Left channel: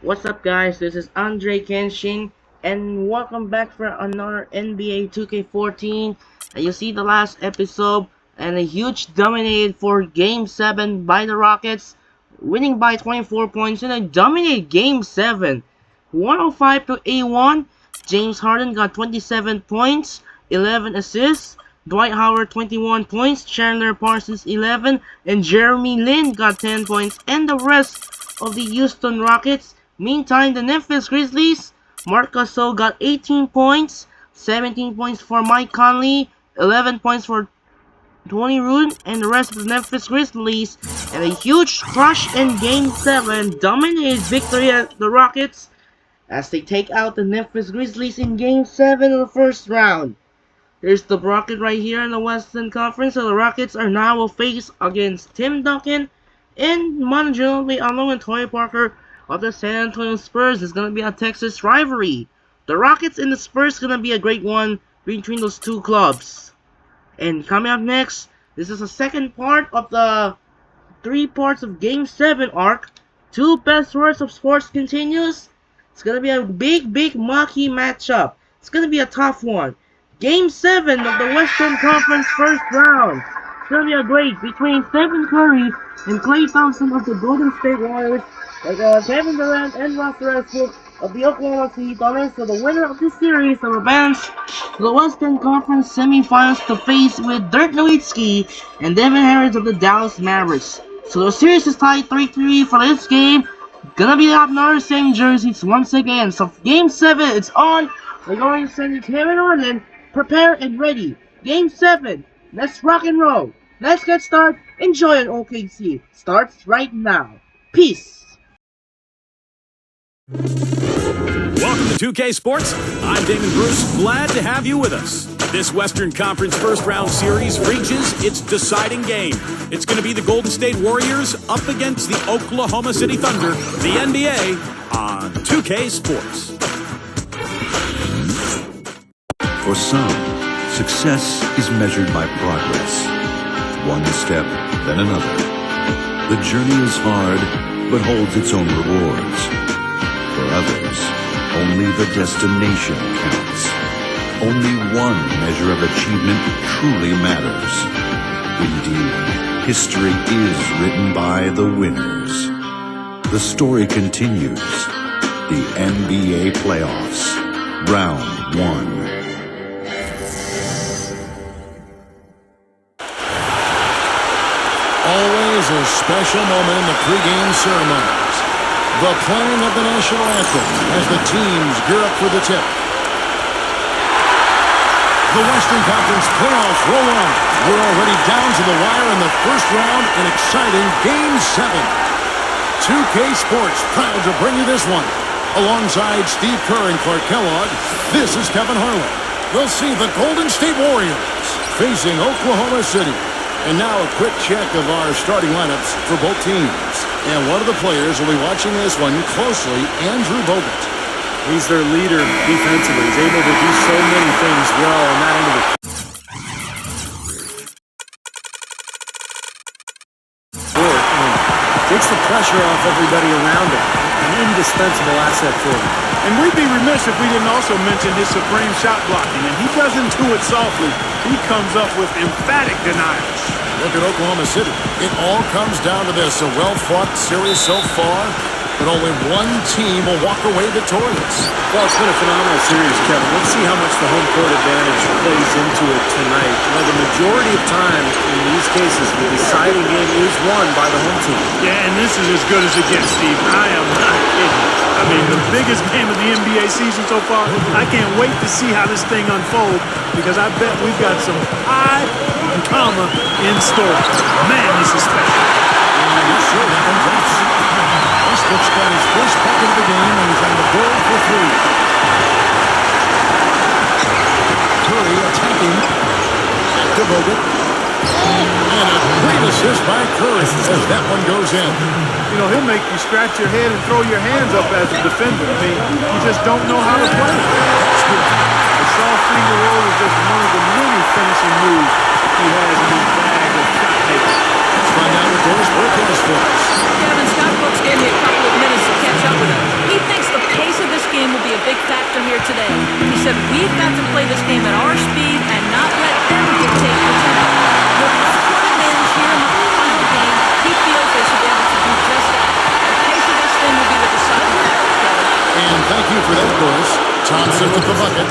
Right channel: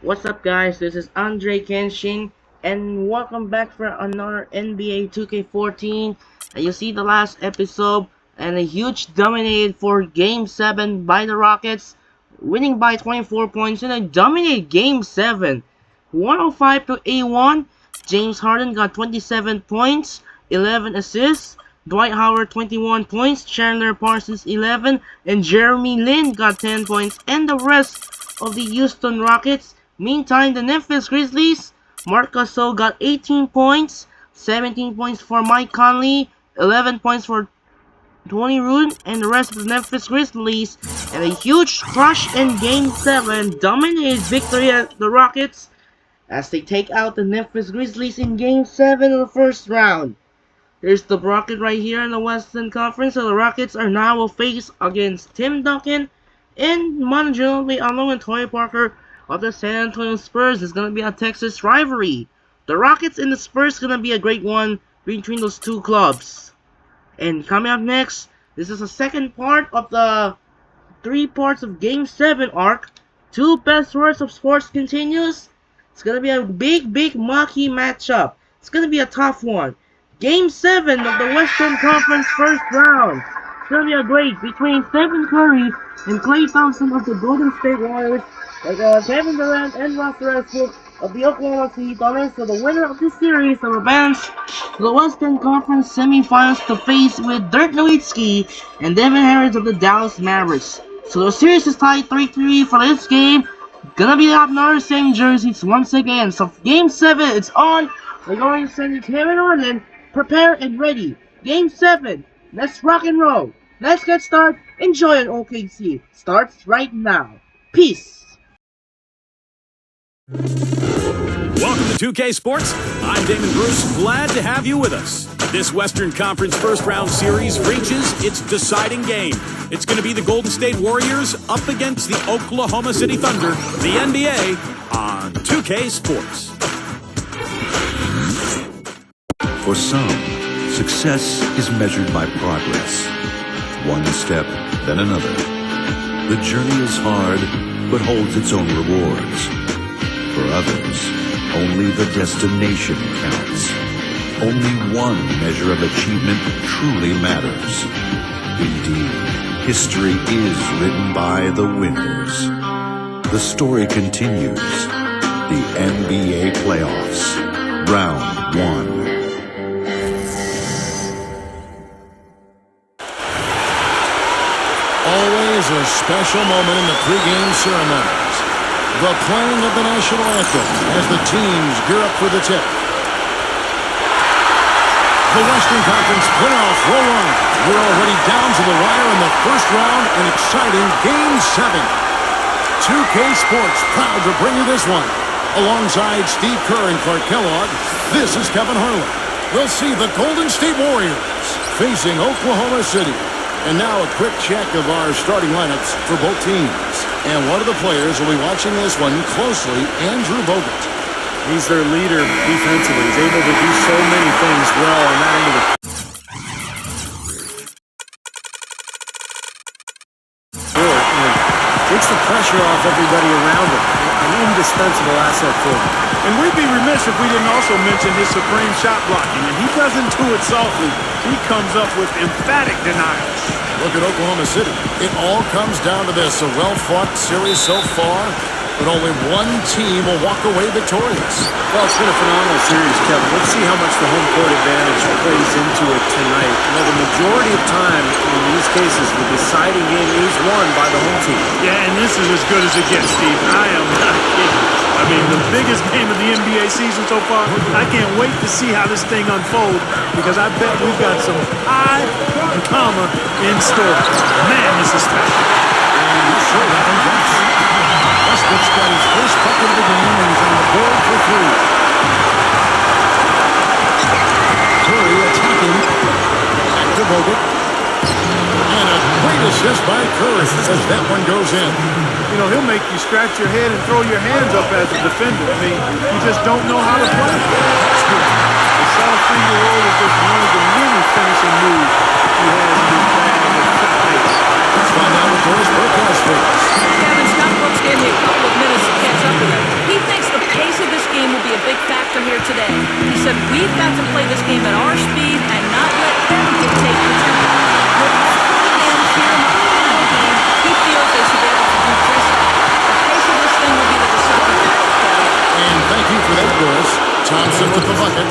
What's up, guys? This is Andre Kenshin, and welcome back for another NBA 2K14. And you see the last episode, and a huge dominated for Game 7 by the Rockets, winning by 24 points in a dominated Game 7, 105 to 81. James Harden got 27 points, 11 assists. Dwight Howard 21 points, Chandler Parsons 11, and Jeremy Lin got 10 points, and the rest of the Houston Rockets. Meantime, the Memphis Grizzlies, Marc Gasol got 18 points, 17 points for Mike Conley, 11 points for Tony Roon, and the rest of the Memphis Grizzlies, and a huge crush in Game 7, dominated victory at the Rockets as they take out the Memphis Grizzlies in Game 7 of the first round. There's the Rocket right here in the Western Conference, so the Rockets are now will face against Tim Duncan and Manu Ginobili along with Tony Parker of the San Antonio Spurs. It's going to be a Texas rivalry. The Rockets and the Spurs is going to be a great one between those two clubs. And coming up next, this is the second part of the 3 parts of Game 7 arc. 2 best words of sports continues. It's going to be a big marquee matchup. It's going to be a tough one. Game 7 of the Western Conference first round. It's going to be a great between Stephen Curry and Klay Thompson of the Golden State Warriors, Kevin Durant and Russell Westbrook of the Oklahoma City Thunder. So the winner of this series will advance to the Western Conference semifinals to face with Dirk Nowitzki and Devin Harris of the Dallas Mavericks. So the series is tied 3-3 for this game. Gonna be up another same jerseys once again. So Game 7, it's on. We're going to send you Kevin Orland. Prepare and ready. Game 7. Let's rock and roll. Let's get started. Enjoy on OKC. Starts right now. Peace. Welcome to 2K Sports. I'm Damon Bruce. Glad to have you with us. This Western Conference first round series reaches its deciding game. It's going to be the Golden State Warriors up against the Oklahoma City Thunder, the NBA, on 2K Sports. For some, success is measured by progress. One step, then another. The journey is hard, but holds its own rewards. For others, only the destination counts. Only one measure of achievement truly matters. Indeed, history is written by the winners. The story continues. The NBA Playoffs, Round 1. Always a special moment in the pregame ceremonies. The playing of the national anthem as the teams gear up for the tip. The Western Conference playoffs roll on. We're already down to the wire in the first round in exciting Game 7. 2K Sports proud to bring you this one. Alongside Steve Kerr and Clark Kellogg, this is Kevin Harlan. We'll see the Golden State Warriors facing Oklahoma City. And now a quick check of our starting lineups for both teams. And one of the players will be watching this one closely, Andrew Bogut. He's their leader defensively. He's able to do so many things well on that end of the court and takes the pressure off everybody around him. An indispensable asset for them. And we'd be remiss if we didn't also mention his supreme shot blocking. And he doesn't do it softly. He comes up with emphatic denials. Look at Oklahoma City. It all comes down to this. A well-fought series so far, but only one team will walk away victorious. Well, it's been a phenomenal series, Kevin. Let's see how much the home court advantage plays into it tonight. You know, the majority of time in these cases, the deciding game is won by the home team. Yeah, and this is as good as it gets, Steve. I am not kidding. I mean, the biggest game of the NBA season so far. I can't wait to see how this thing unfolds because I bet we've got some high comma in store. Man, this is special. And sure, that one drops. Westbrook's got his first bucket of the game, and he's on the board for 3. Curry attacking. Back to Bogut. And a great assist by Curry as that one goes in. You know, he'll make you scratch your head and throw your hands up as a defender. I mean, you just don't know how to play. That's good. The soft finger roll is just one of the many finishing moves he has in his bag of shot making. Let's find out what Doris Burke has for us. Kevin, Scott Brooks gave me a couple of minutes to catch up with him. He pace of this game will be a big factor here today. He said, we've got to play this game at our speed and not let them dictate the tempo. With home-court advantage here in the final game, he feels they should be able to do just that. The pace of this thing will be the deciding factor, Kevin. And thank you for that, Bruce. Thompson with the bucket.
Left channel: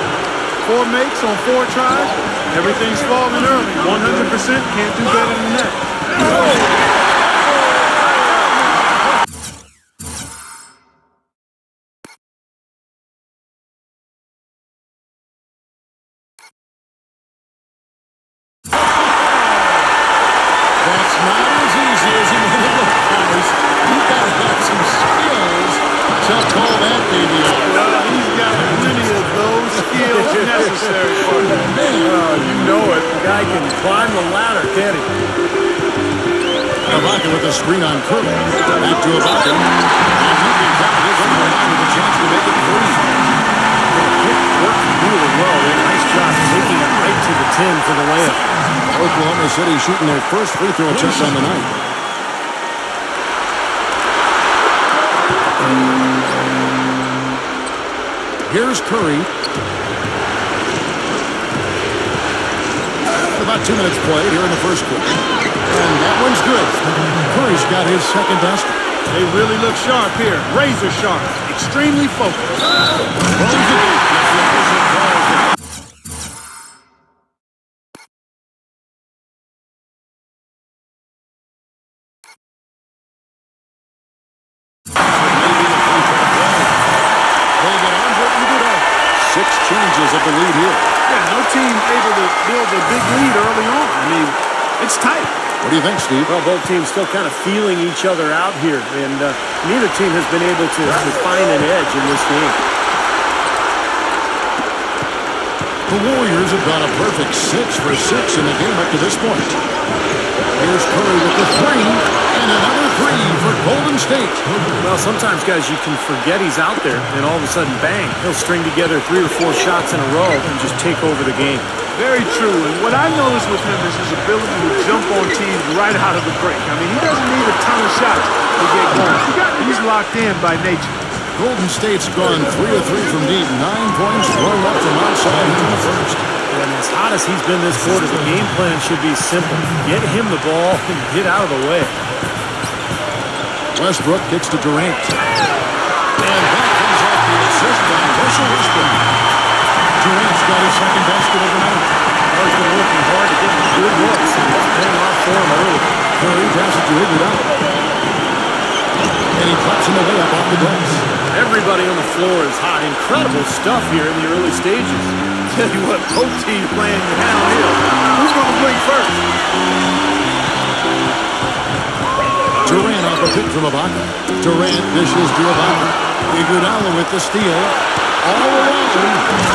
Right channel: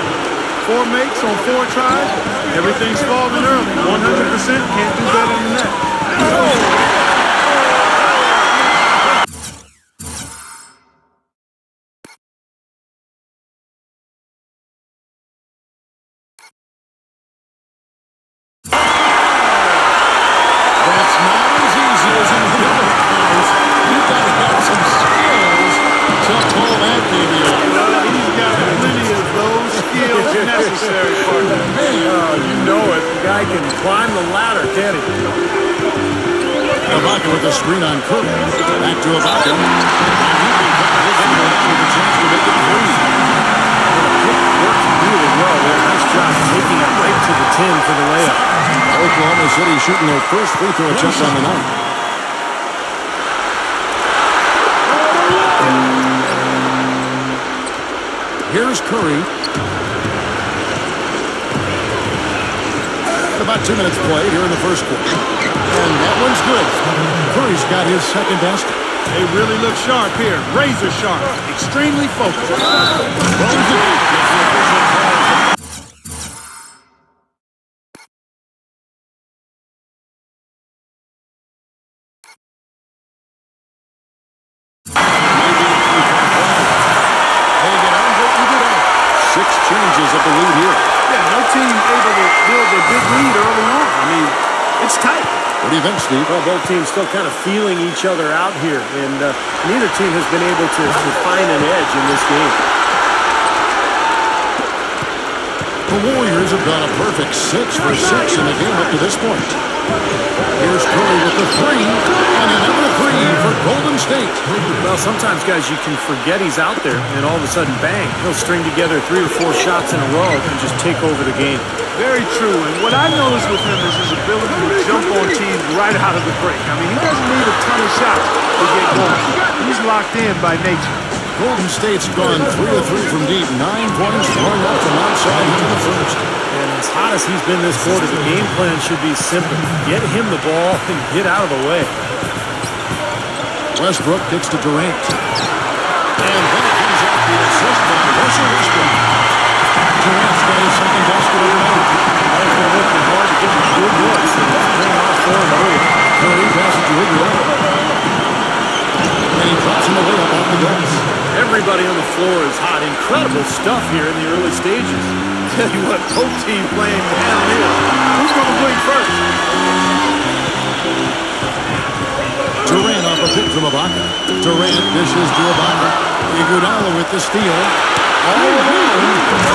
4 makes on 4 tries. Everything's falling early. 100%. Can't do better than that. That's not as easy as it made it look, guys. You've got to have some skills to pull that baby off. Well, he's got plenty of those skills necessary, partner. Oh, you know it. The guy can climb the ladder, can't he? Ibaka with the screen on Curry. Back to Ibaka. And you can count his over now with a chance to make it 3. The pick worked really well there. Nice job taking it right to the 10 for the layup. Oklahoma City shooting their first free throw attempt on the night. Here's Curry. About 2 minutes played here in the first quarter. And that one's good. Curry's got his second basket. They really look sharp here. Razor sharp. Extremely focused. Throws the deep. Gets the official calls the foul. Maybe the three-point play. They get Andre Iguodala. 6 changes of the lead here. Yeah, no team able to build a big lead early on. I mean, it's tight. What do you think, Steve? Well, both teams still kind of feeling each other out here, and neither team has been able to find an edge in this game. The Warriors have gone a perfect 6 for 6 in the game up to this point. Here's Curry with the 3, and another 3 for Golden State. Well, sometimes, guys, you can forget he's out there, and all of a sudden, bang, he'll string together 3 or 4 shots in a row and just take over the game. Very true. And what I noticed with him is his ability to jump on teams right out of the break. I mean, he doesn't need a ton of shots to get going. He's locked in by nature. Golden State's gone 3 of 3 from deep. 9 points thrown up from outside here in the first. And as hot as he's been this quarter, the game plan should be simple. Get him the ball and get out of the way. Westbrook kicks to Durant. And that comes off the assist by Russell Westbrook. Durant's got his second basket of the night. Well, he's been working hard to get good looks, and it's paying off for him early. Curry passes to Iguodala. And he drops him away up off the glass. Everybody on the floor is hot. Incredible stuff here in the early stages. Tell you what, both teams playing downhill. Who's going to blink first? Durant off a pick from Ibaka. Durant dishes to Ibaka. Iguodala with the steal. All alone.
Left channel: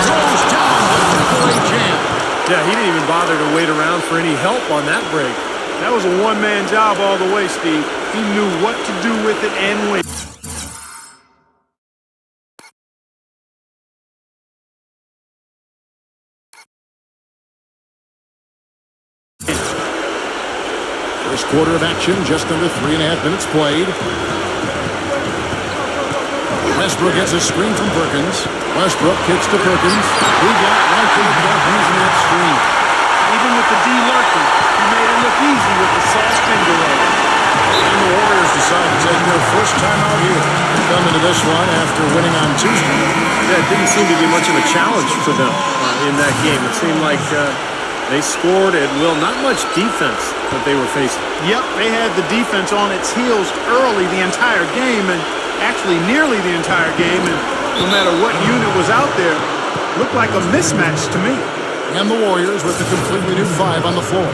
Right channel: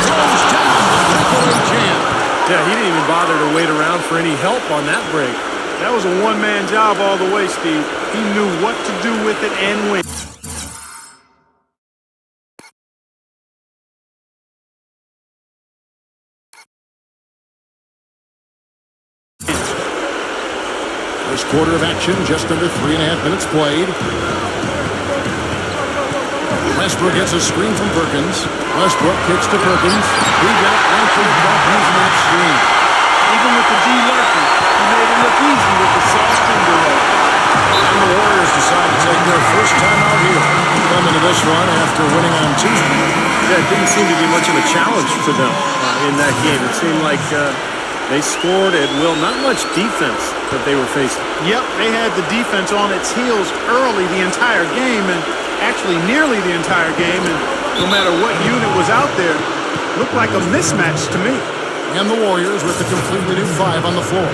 Throws down the breakaway jam. Yeah, he didn't even bother to wait around for any help on that break. That was a one-man job all the way, Steve. He knew what to do with it and when. First quarter of action, just under 3.5 minutes played. Westbrook gets a screen from Perkins. Westbrook kicks to Perkins. He got right to the cup using that screen. Even with the D lurking, he made it look easy with the soft finger roll. And the Warriors decide to take their first time out here. Come into this one after winning on Tuesday. Yeah, it didn't seem to be much of a challenge for them in that game. It seemed like they scored at will. Not much defense that they were facing. Yep, they had the defense on its heels early the entire game, and actually nearly the entire game, and no matter what unit was out there, looked like a mismatch to me. And the Warriors with a completely new 5 on the floor.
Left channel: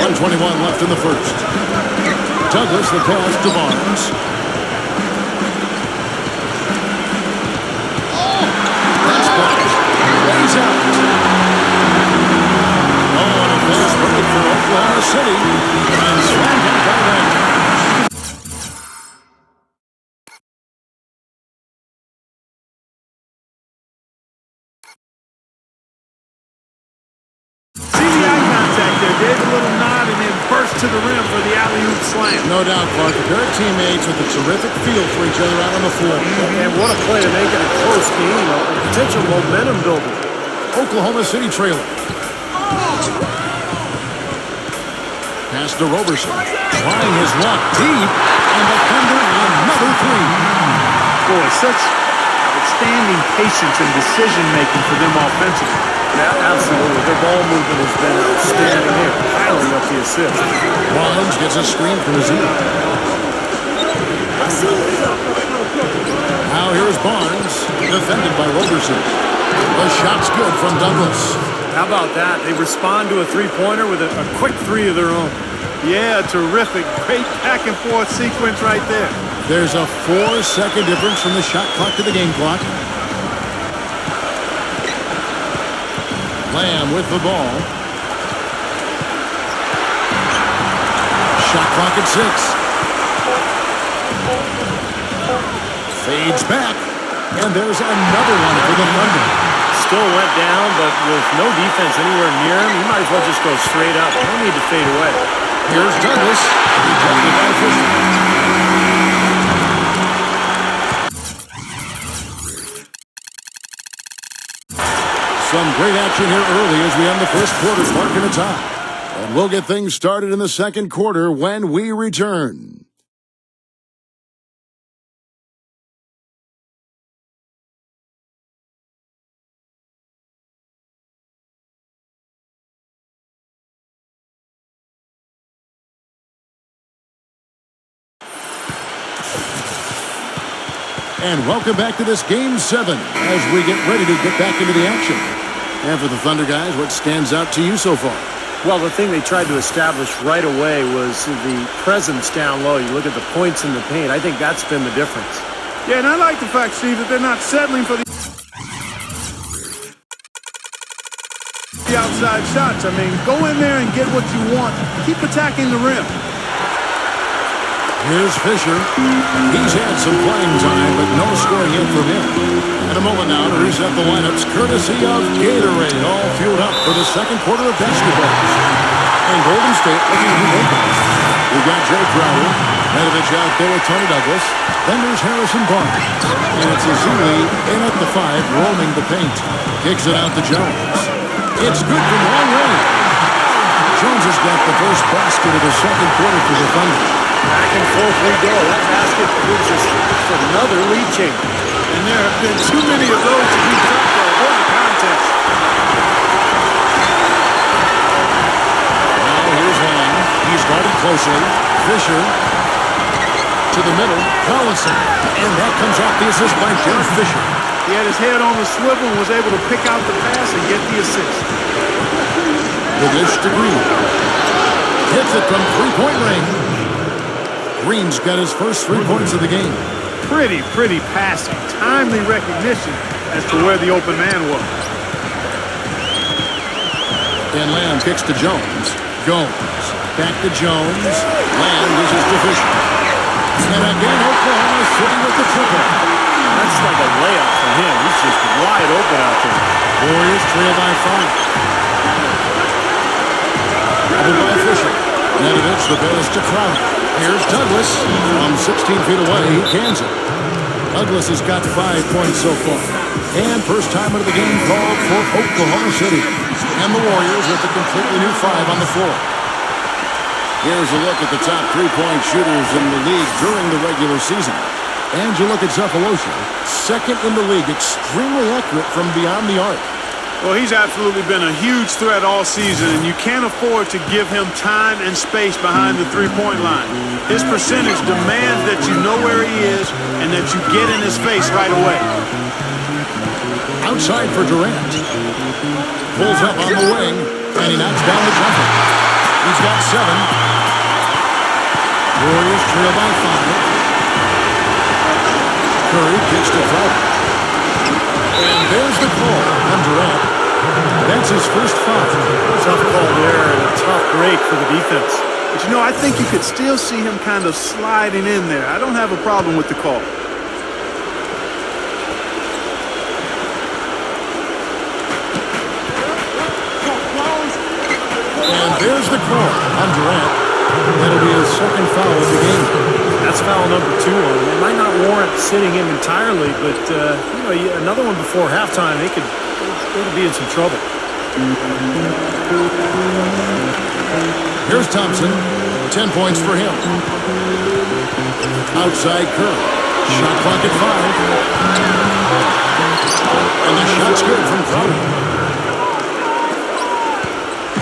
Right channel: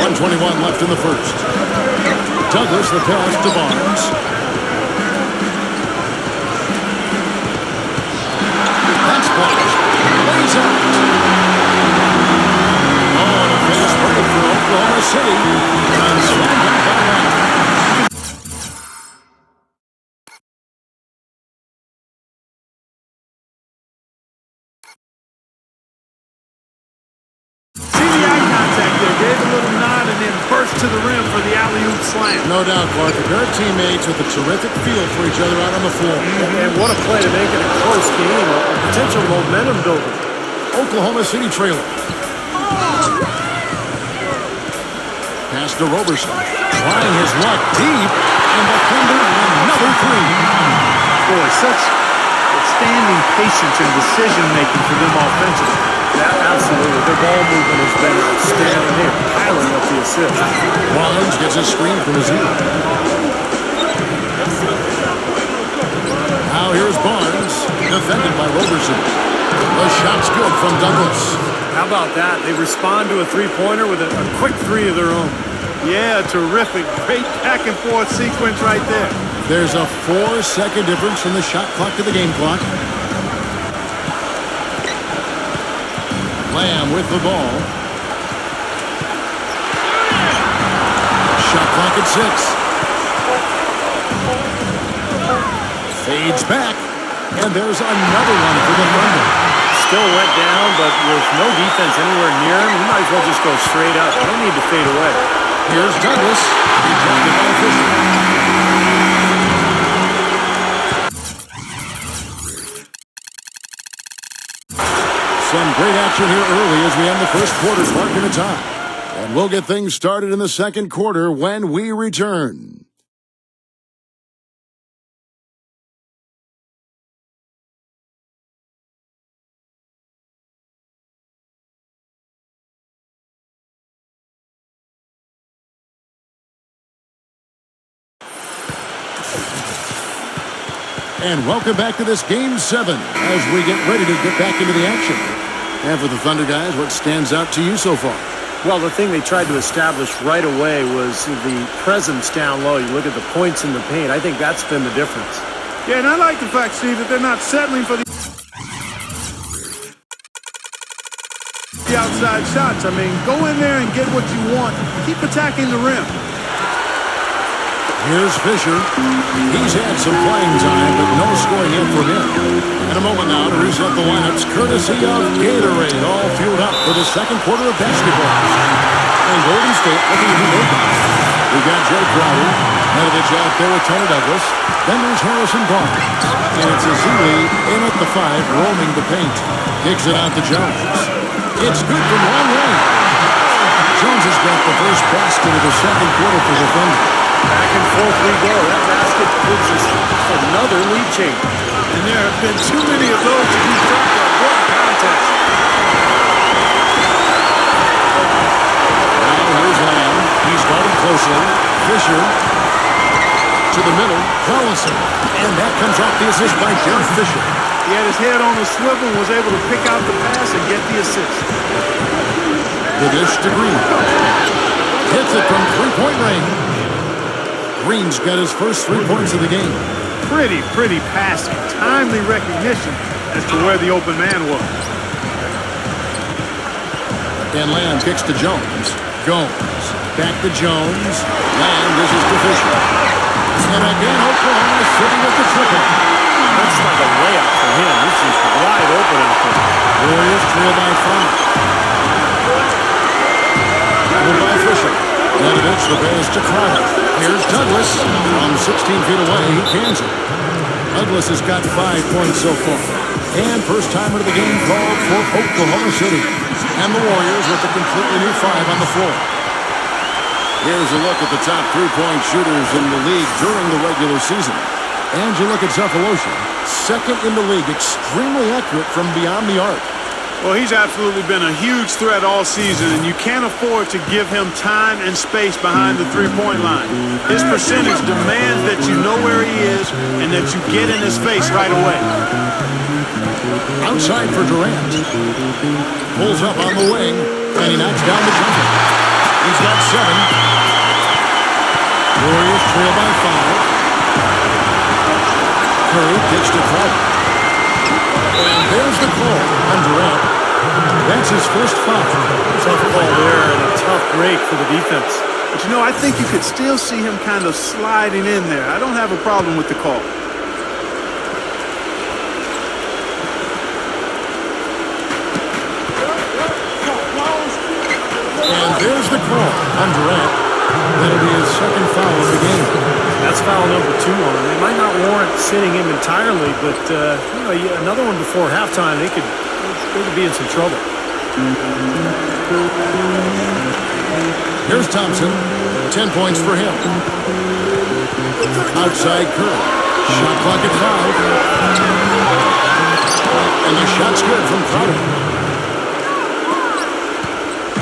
.121 left in the first. Douglas the pass to Barnes. That's blocked. Lays out. Oh, and a fast break for Oklahoma City. And slammed out by Lang. See the eye contact there. Gave a little nod and then burst to the rim for the alley-oop slam. No doubt, Clark. A pair of teammates with a terrific feel for each other out on the floor. And what a play to make it a close game, a potential momentum builder. Oklahoma City trailing. Pass to Roberson. Trying his luck deep. And the Thunder another three. Boy, such outstanding patience and decision-making for them offensively. Yeah, absolutely. Their ball movement has been outstanding. They're piling up the assists. Barnes gets a screen from his ear. Now here's Barnes, defended by Roberson. The shot's good from Douglas. How about that? They respond to a three-pointer with a quick three of their own. Yeah, terrific. Great back-and-forth sequence right there. There's a 4-second difference from the shot clock to the game clock. Lamb with the ball. Shot clock at 6. Fades back. And there's another one for the Thunder. Still went down, but with no defense anywhere near him, he might as well just go straight up. No need to fade away. Here's Douglas. Rejected by Fisher. Some great action here early as we end the first quarter, marking a tie. And we'll get things started in the second quarter when we return. And welcome back to this Game 7 as we get ready to get back into the action. And for the Thunder guys, what stands out to you so far? Well, the thing they tried to establish right away was the presence down low. You look at the points in the paint. I think that's been the difference. Yeah, and I like the fact, Steve, that they're not settling for the outside shots. I mean, go in there and get what you want. Keep attacking the rim. Here's Fisher. He's had some playing time, but no scoring in from him. In a moment now to reset the lineups, courtesy of Gatorade, all fueled up for the second quarter of basketball. And Golden State looking to be vacant. We've got Jay Crowder, Medovich out there with Tony Douglas. Then there's Harrison Barnes. And it's Azuli in at the 5, roaming the paint. Kicks it out to Jones. It's good from long range. Jones has got the first basket of the second quarter for the Thunder. Back and forth we go. That basket gives us another lead change. And there have been too many of those to keep track of. What a contest. Now here's Lamb. He's guarded closely. Fisher to the middle. Collison. And that comes off the assist by Derek Fisher. He had his head on the swivel and was able to pick out the pass and get the assist. The dish to Green. Hits it from three-point range. Green's got his first 3 points of the game. Pretty passing. Timely recognition as to where the open man was. And Lamb kicks to Jones. Gomes. Back to Jones. Lamb dishes to Fisher. And again, Oklahoma City with the triple. That's like a layup for him. He's just wide open out there. Warriors trail by 5. Doubled by Fisher. Medovich, the pass to Crowder. Here's Douglas. From 16 feet away, he cans it. Douglas has got 5 points so far. And first time of the game called for Oklahoma City. And the Warriors with a completely new 5 on the floor. Here's a look at the top 3-point shooters in the league during the regular season. And you look at Cephalosha, second in the league, extremely accurate from beyond the arc. Well, he's absolutely been a huge threat all season, and you can't afford to give him time and space behind the three-point line. His percentage demands that you know where he is and that you get in his face right away. Outside for Durant. Pulls up on the wing, and he knocks down the jumper. He's got 7. Warriors trail by 5. Curry kicks to Crowder. And there's the call on Durant. That's his first foul. Tough call there and a tough break for the defense. But, you know, I think you could still see him kind of sliding in there. I don't have a problem with the call. And there's the call on Durant. That'll be his second foul of the game. That's foul number 2 on him. It might not warrant sitting him entirely, but another one before halftime, they could be in some trouble. Here's Thompson. 10 points for him. Outside Curry. Shot clock at 5. And the shot's good from Crowder.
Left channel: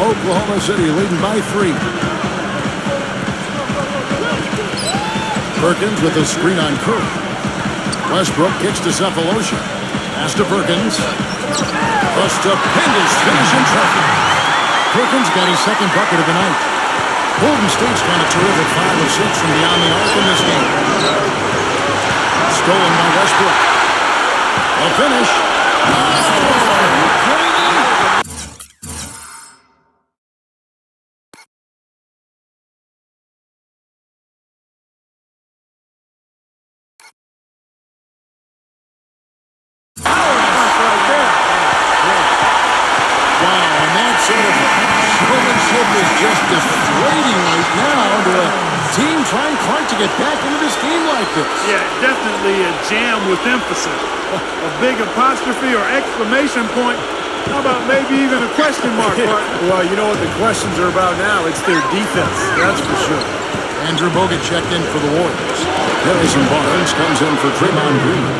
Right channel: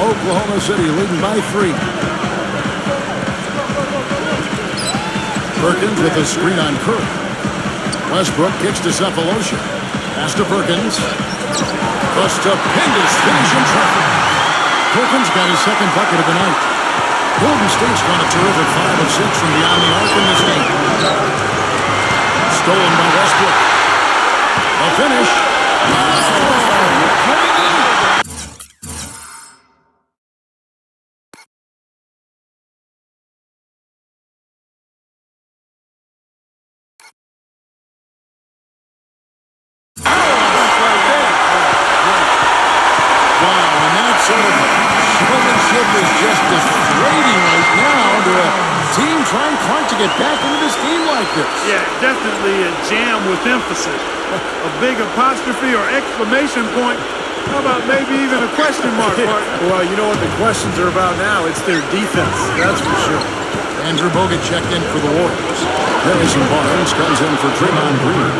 Oklahoma City leading by 3. Perkins with a screen on Curry. Westbrook kicks to Cephalosha. Pass to Perkins. A stupendous finish in traffic. Perkins got his second bucket of the night. Golden State's gone a terrific 5 of 6 from beyond the arc in this game. Stolen by Westbrook. A finish. Oh, are you kidding me? Wow, and that sort of showmanship is just deflating right now to a team trying hard to get back into this game like this. Yeah, definitely a jam with emphasis. A big apostrophe or exclamation point. How about maybe even a question mark, partner? Well, you know what the questions are about now? It's their defense, that's for sure. Andrew Bogut checked in for the Warriors. Harrison Barnes comes in for Draymond Green.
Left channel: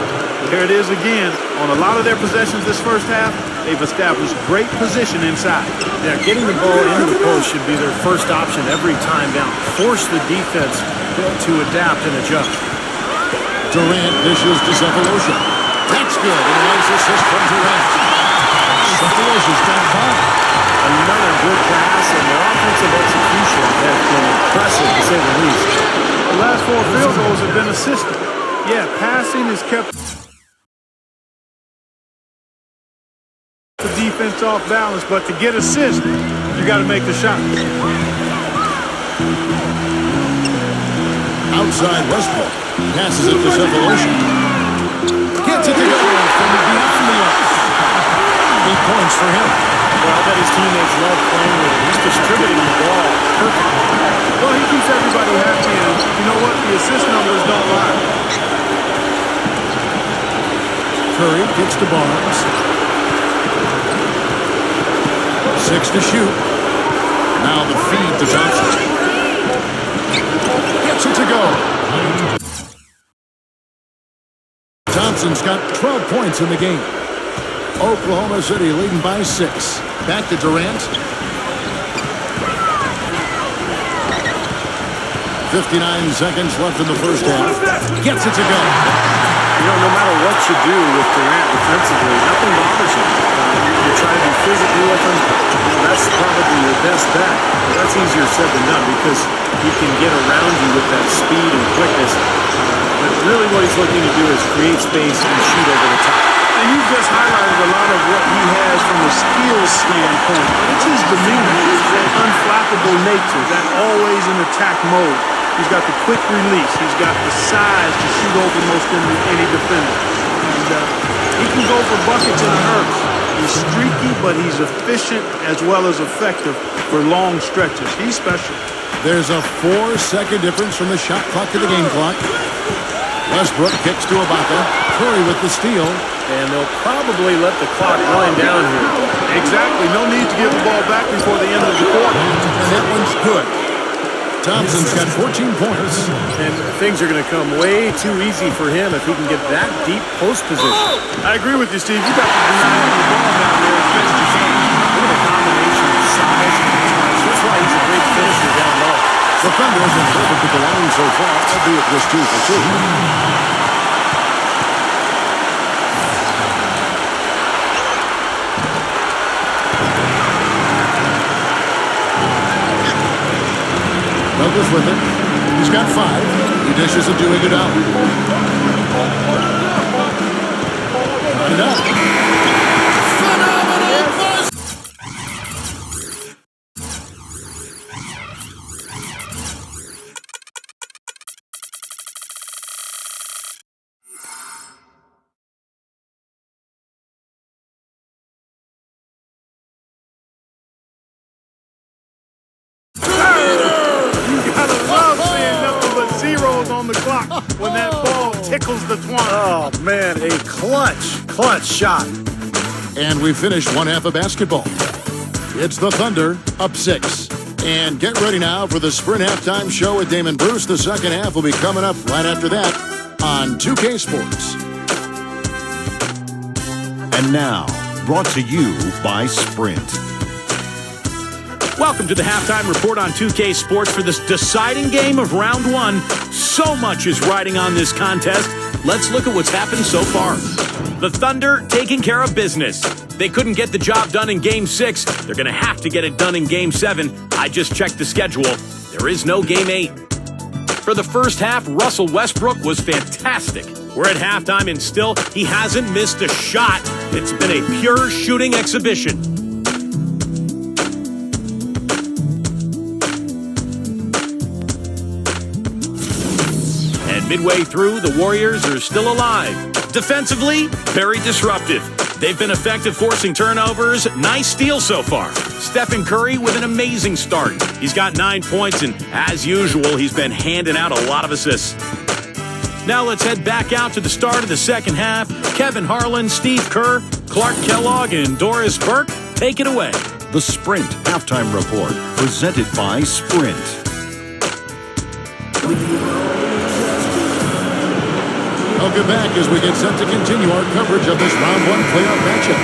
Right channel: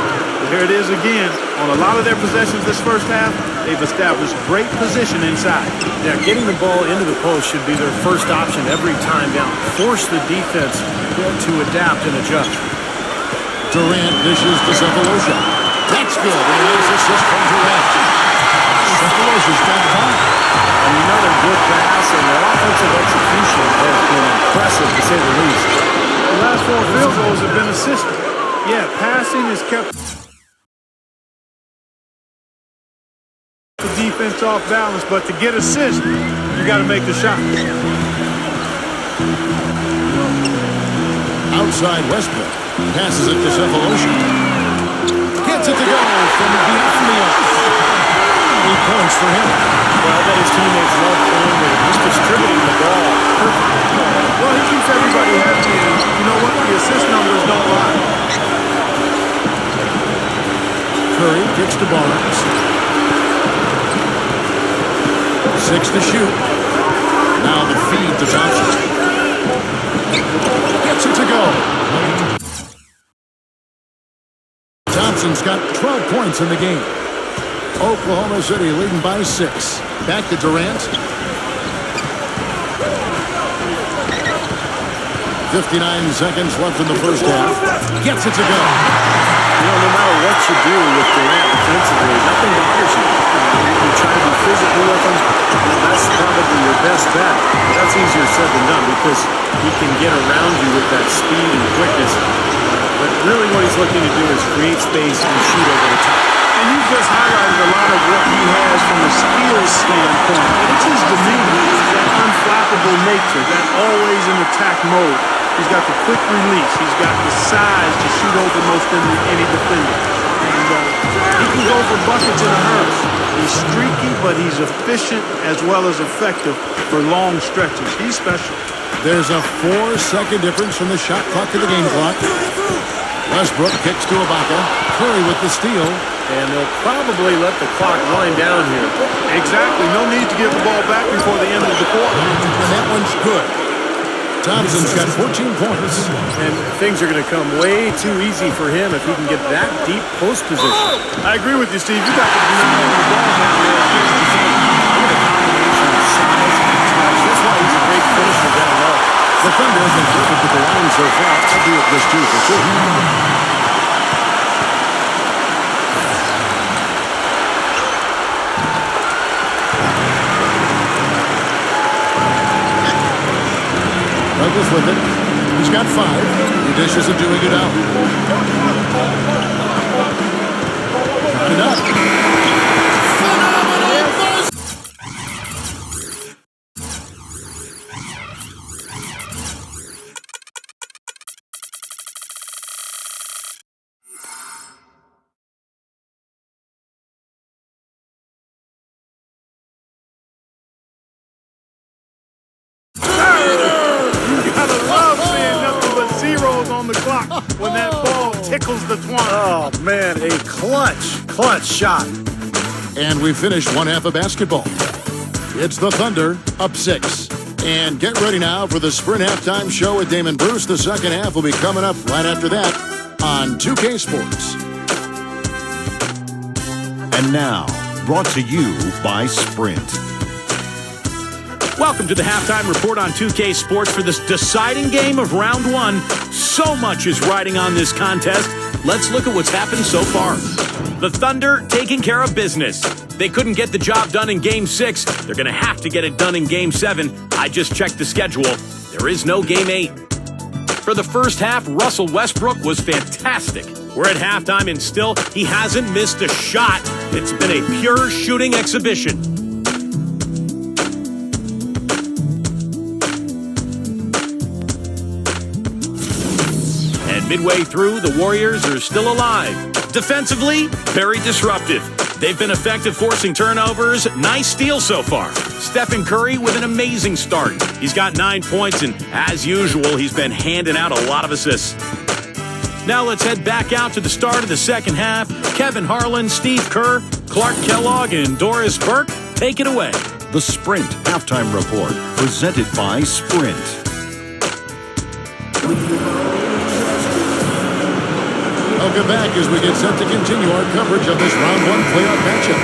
There it is again. On a lot of their possessions this first half, they've established great position inside. Yeah, getting the ball into the post should be their first option every time down. Force the defense to adapt and adjust. Durant dishes to Cephalosha. That's good. And a nice assist from Durant. Cephalosha's got 5. Another good pass, and their offensive execution has been impressive, to say the least. The last 4 field goals have been assisted. Yeah, passing has kept the defense off balance, but to get assists, you got to make the shot. Outside Westbrook. Passes it to Cephalosha. Gets it to go from beyond the arc. 8 points for him. Well, that his teammates love playing with him. He's distributing the ball perfectly. Well, he keeps everybody happy, and you know what? The assist numbers don't lie. Curry kicks to Barnes. 6 to shoot. Now the feed to Thompson. Gets it to go. Thompson's got 12 points in the game. Oklahoma City leading by 6. Back to Durant. 59 seconds left in the first half. Gets it to go. You know, no matter what you do with Durant defensively, nothing bothers you. You try to be physical with him. You know, that's probably your best bet. But that's easier said than done because he can get around you with that speed and quickness. But really what he's looking to do is create space and shoot over the top. And you've just highlighted a lot of what he has from a skills standpoint. But it's his demeanor, that unflappable nature, that always in attack mode. He's got the quick release. He's got the size to shoot over most any defender. And he can go for buckets in a hurry. He's streaky, but he's efficient as well as effective for long stretches. He's special. There's a 4-second difference from the shot clock to the game clock. Westbrook kicks to Ibaka. Curry with the steal. And they'll probably let the clock wind down here. Exactly. No need to give the ball back before the end of the quarter. And that one's good. Thompson's got 14 points. And things are going to come way too easy for him if he can get that deep post position. I agree with you, Steve. You got to deny him the ball down there as best you can. Look at the combination of size and touch. That's why he's a great finisher down low. The Thunder have been perfect at the line so far, albeit just 2 for 2. Douglas with it. He's got 5. He dishes it to Iguodala. Got it up. rock when that ball tickles the twine. Oh, man, a clutch shot. And we finished one half of basketball. It's the Thunder up 6. And get ready now for the Sprint Halftime Show with Damon Bruce. The second half will be coming up right after that on 2K Sports. And now, brought to you by Sprint. Welcome to the halftime report on 2K Sports for this deciding game of round 1. So much is riding on this contest. Let's look at what's happened so far. The Thunder taking care of business. They couldn't get the job done in Game 6. They're going to have to get it done in Game 7. I just checked the schedule. There is no Game 8. For the first half, Russell Westbrook was fantastic. We're at halftime and still, he hasn't missed a shot. It's been a pure shooting exhibition. And midway through, the Warriors are still alive. Defensively, very disruptive. They've been effective forcing turnovers. Nice steal so far. Stephen Curry with an amazing start. He's got 9 points, and as usual, he's been handing out a lot of assists. Now let's head back out to the start of the second half. Kevin Harlan, Steve Kerr, Clark Kellogg, and Doris Burke, take it away. The Sprint Halftime Report, presented by Sprint. Welcome back as we get set to continue our coverage of this round 1 playoff matchup.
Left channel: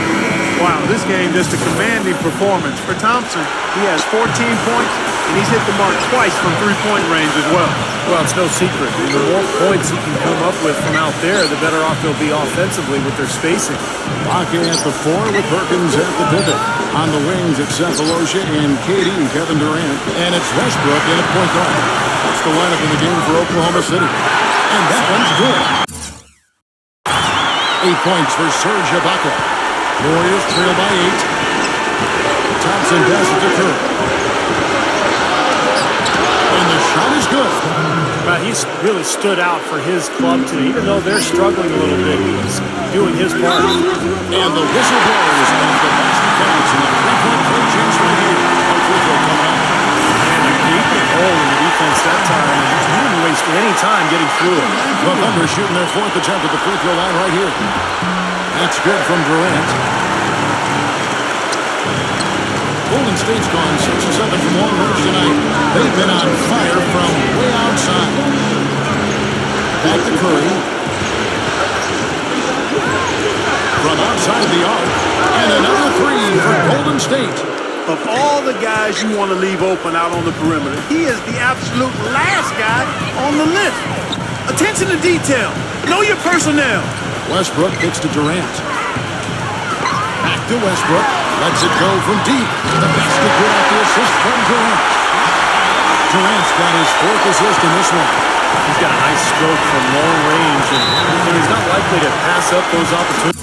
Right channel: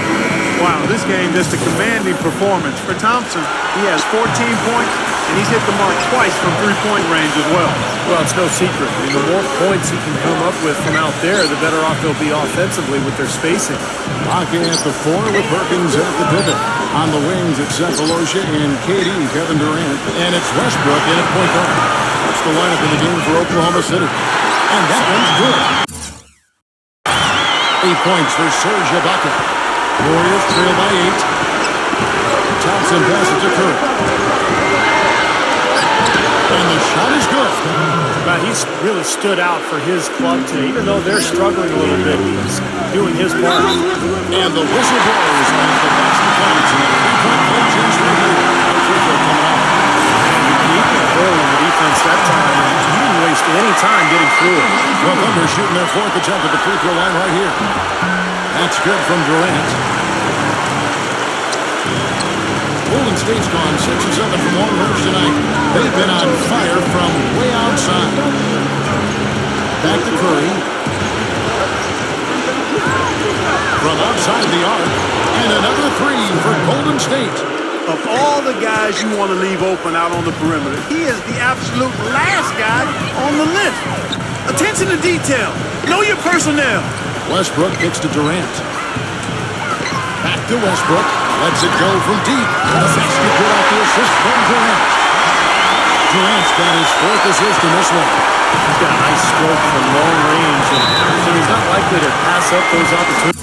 Wow, this game just a commanding performance. For Thompson, he has 14 points, and he's hit the mark twice from three-point range as well. Well, it's no secret. I mean, the more points he can come up with from out there, the better off they'll be offensively with their spacing. Bakke at the 4 with Perkins at the pivot. On the wings, it's Cephalosha and KD, Kevin Durant. And it's Westbrook in at point guard. That's the lineup in the game for Oklahoma City. And that one's good. 8 points for Serge Ibaka. Warriors trail by 8. Thompson passes to Curry. And the shot is good. But he's really stood out for his club today. Even though they're struggling a little bit, he's doing his part. And the whistle blows as the basket counts. And a three-point play chance right here. One free throw coming up. And a gaping hole in the defense that time. And he didn't waste any time getting through it. The Thunder shooting their 4th attempt at the free throw line right here. That's good from Durant. Golden State's gone 6 of 7 from long range tonight. They've been on fire from way outside. Back to Curry. From outside the arc. And another 3 for Golden State. Of all the guys you want to leave open out on the perimeter, he is the absolute last guy on the list. Attention to detail. Know your personnel. Westbrook kicks to Durant. Back to Westbrook. Lets it go from deep. The basket good off the assist from Durant. Durant's got his 4th assist in this one. He's got a nice stroke from long range, and so he's not likely to pass up those opportunities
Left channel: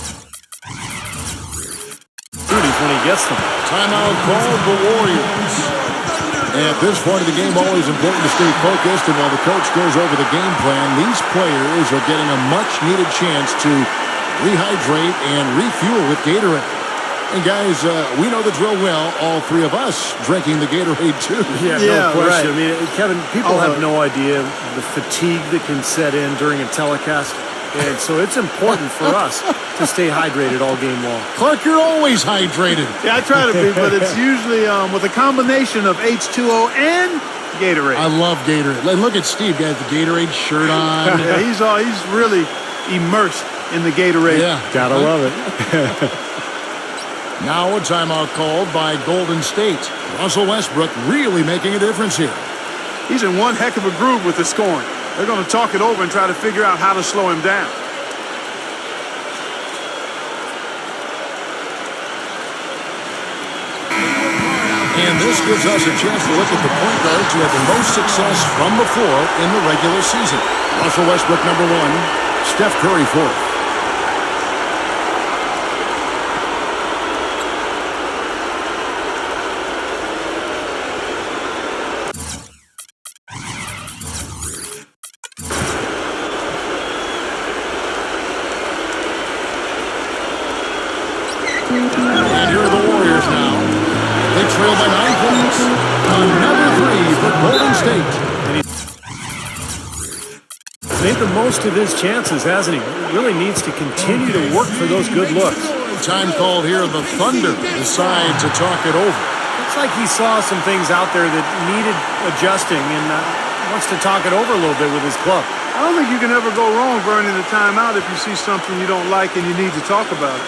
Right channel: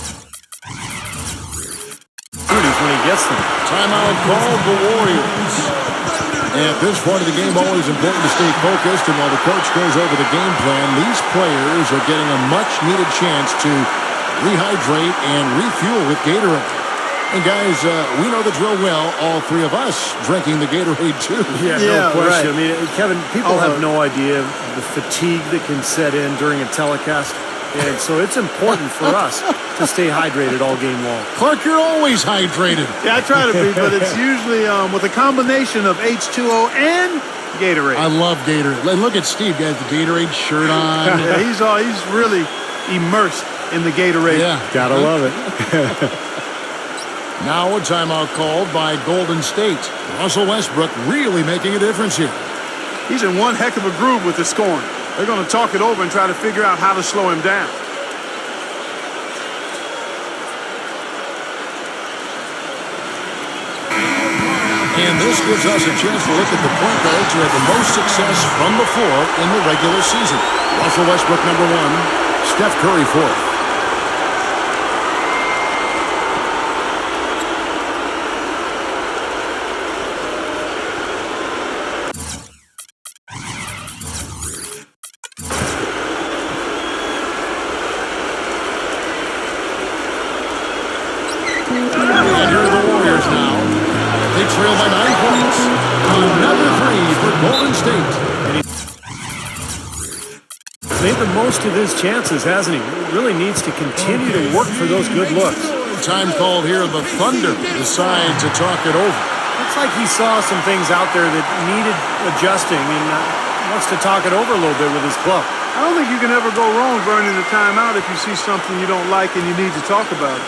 when he gets them. Timeout called the Warriors. At this point of the game, always important to stay focused, and while the coach goes over the game plan, these players are getting a much-needed chance to rehydrate and refuel with Gatorade. And guys, we know the drill well, all 3 of us drinking the Gatorade too. Yeah, no question. Right. I mean, Kevin, people have no idea the fatigue that can set in during a telecast. And so it's important for us to stay hydrated all game long. Clark, you're always hydrated. Yeah, I try to be, but it's usually with a combination of H2O and Gatorade. I love Gatorade. Look at Steve, guys, the Gatorade shirt on. Yeah, he's really immersed in the Gatorade. Yeah. Gotta love it. Now a timeout called by Golden State. Russell Westbrook really making a difference here. He's in one heck of a groove with the scoring. They're going to talk it over and try to figure out how to slow him down. And this gives us a chance to look at the point guards who had the most success from before in the regular season. Russell Westbrook, number 1. Steph Curry, 4th. And here are the Warriors now. They trail by 9 points. Another 3 for Golden State. And made the most of his chances, hasn't he? Really needs to continue to work for those good looks. Time called here. The Thunder decide to talk it over. Looks like he saw some things out there that needed adjusting and wants to talk it over a little bit with his club. I don't think you can ever go wrong burning the timeout if you see something you don't like and you need to talk about it.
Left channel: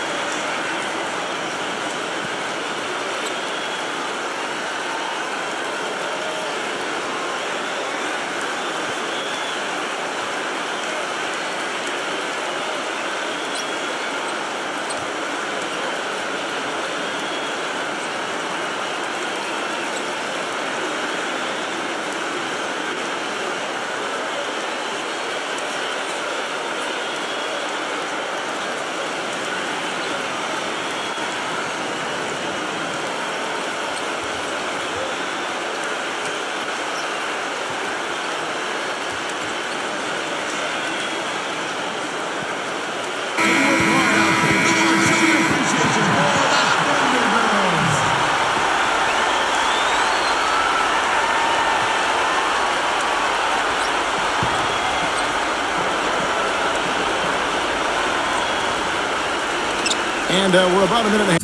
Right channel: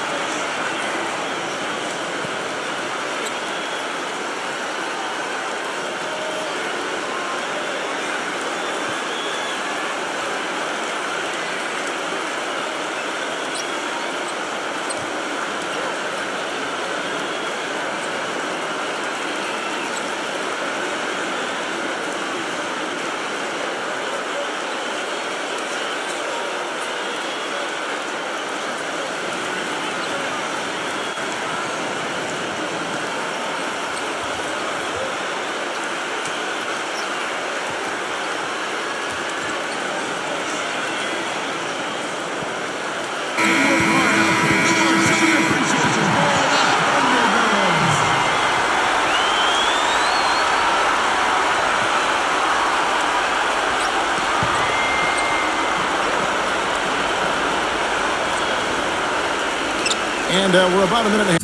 And we're about a minute and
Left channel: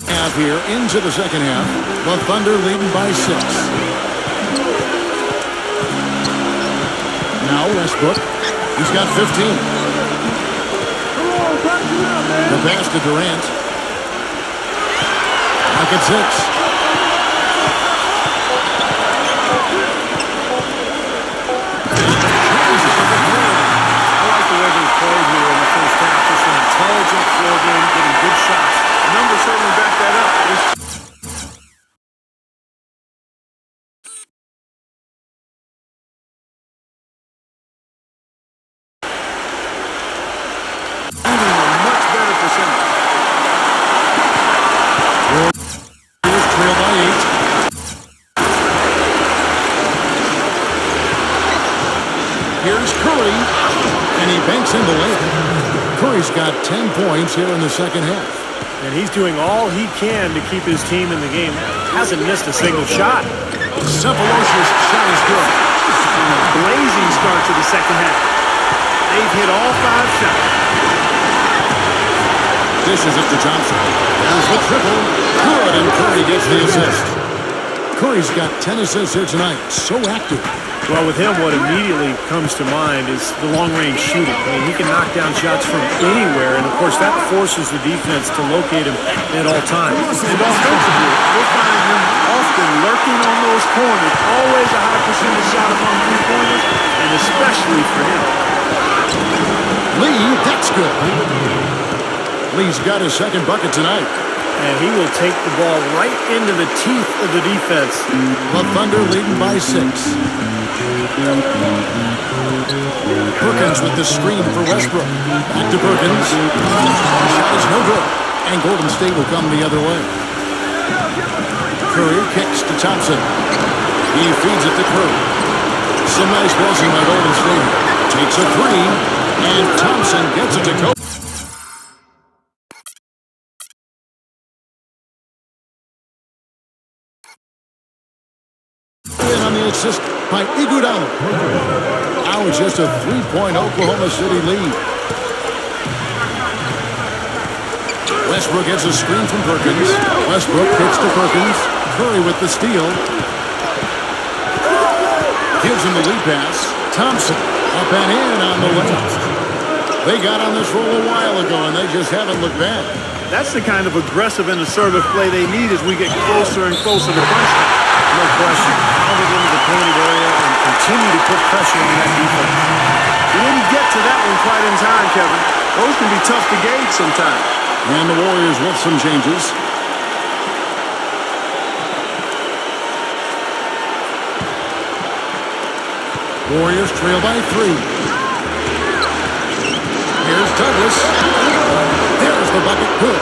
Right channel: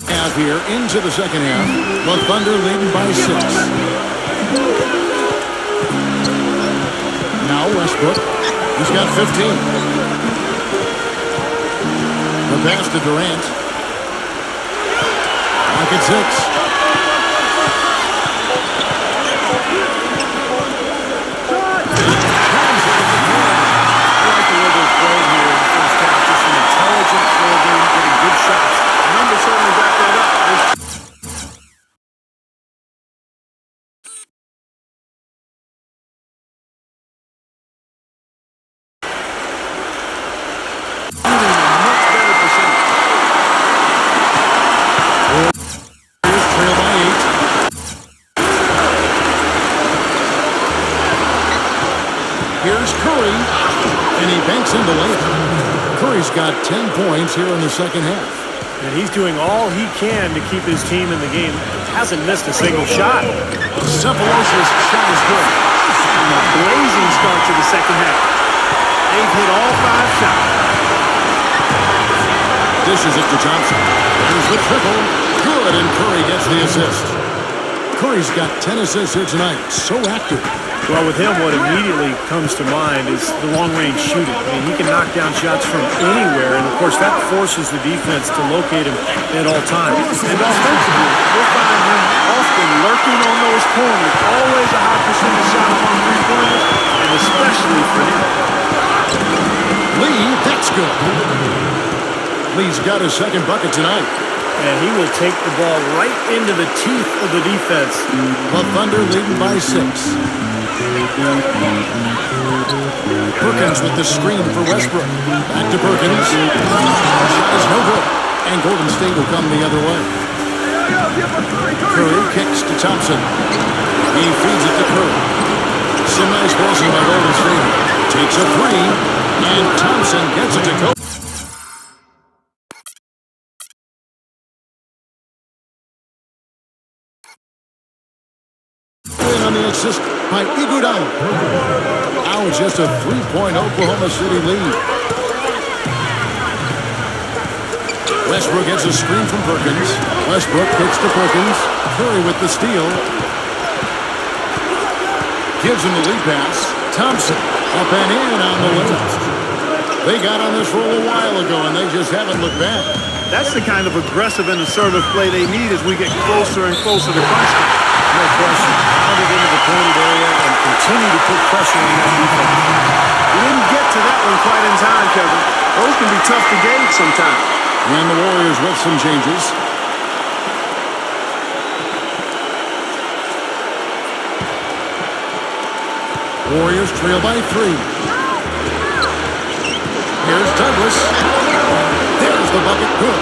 a half here into the second half. The Thunder leading by 6. Now Westbrook. He's got 15. The pass to Durant. Lock at 6. The way they played here in the first half, just an intelligent floor game, getting good shots. The numbers certainly back that up. Shooting a much better percentage. Warriors trail by 8. Here's Curry. And he banks in the layup. Curry's got 10 points here in the second half. And he's doing all he can to keep his team in the game. Hasn't missed a single shot. Cephalos's shot is good. And a blazing start to the second half. They've hit all 5 shots. Dishes it to Thompson. There's the triple. Good, and Curry gets the assist. Curry's got 10 assists here tonight. So active. Well, with him, what immediately comes to mind is the long-range shooting. I mean, he can knock down shots from anywhere, and, of course, that forces the defense to locate him at all times. And offensively, we'll find him often lurking on those corners. Always a high percentage shot among three-pointers, and especially for him. Lee, that's good. Lee's got his second bucket tonight. And he will take the ball right into the teeth of the defense. The Thunder leading by 6. Perkins with the screen for Westbrook. Back to Perkins. Shot is no good. And Golden State will come the other way. Curry kicks to Thompson. He feeds it to Curry. Some nice passing by Golden State. Takes a 3. And Thompson gets it to Kobe. On the assist by Iguodala. Now it's just a 3-point Oklahoma City lead. Westbrook gets a screen from Perkins. Westbrook kicks to Perkins. Curry with the steal. Gives him the lead pass. Thompson up and in on the layup. They got on this roll a while ago, and they just haven't looked back. That's the kind of aggressive and assertive play they need as we get closer and closer to crunch time. No question. Pound it into the painted area and continue to put pressure on that defense. We didn't get to that one quite in time, Kevin. Those can be tough to gauge sometimes. And the Warriors with some changes. Warriors trail by 3. Here's Douglas. There's the bucket. Good.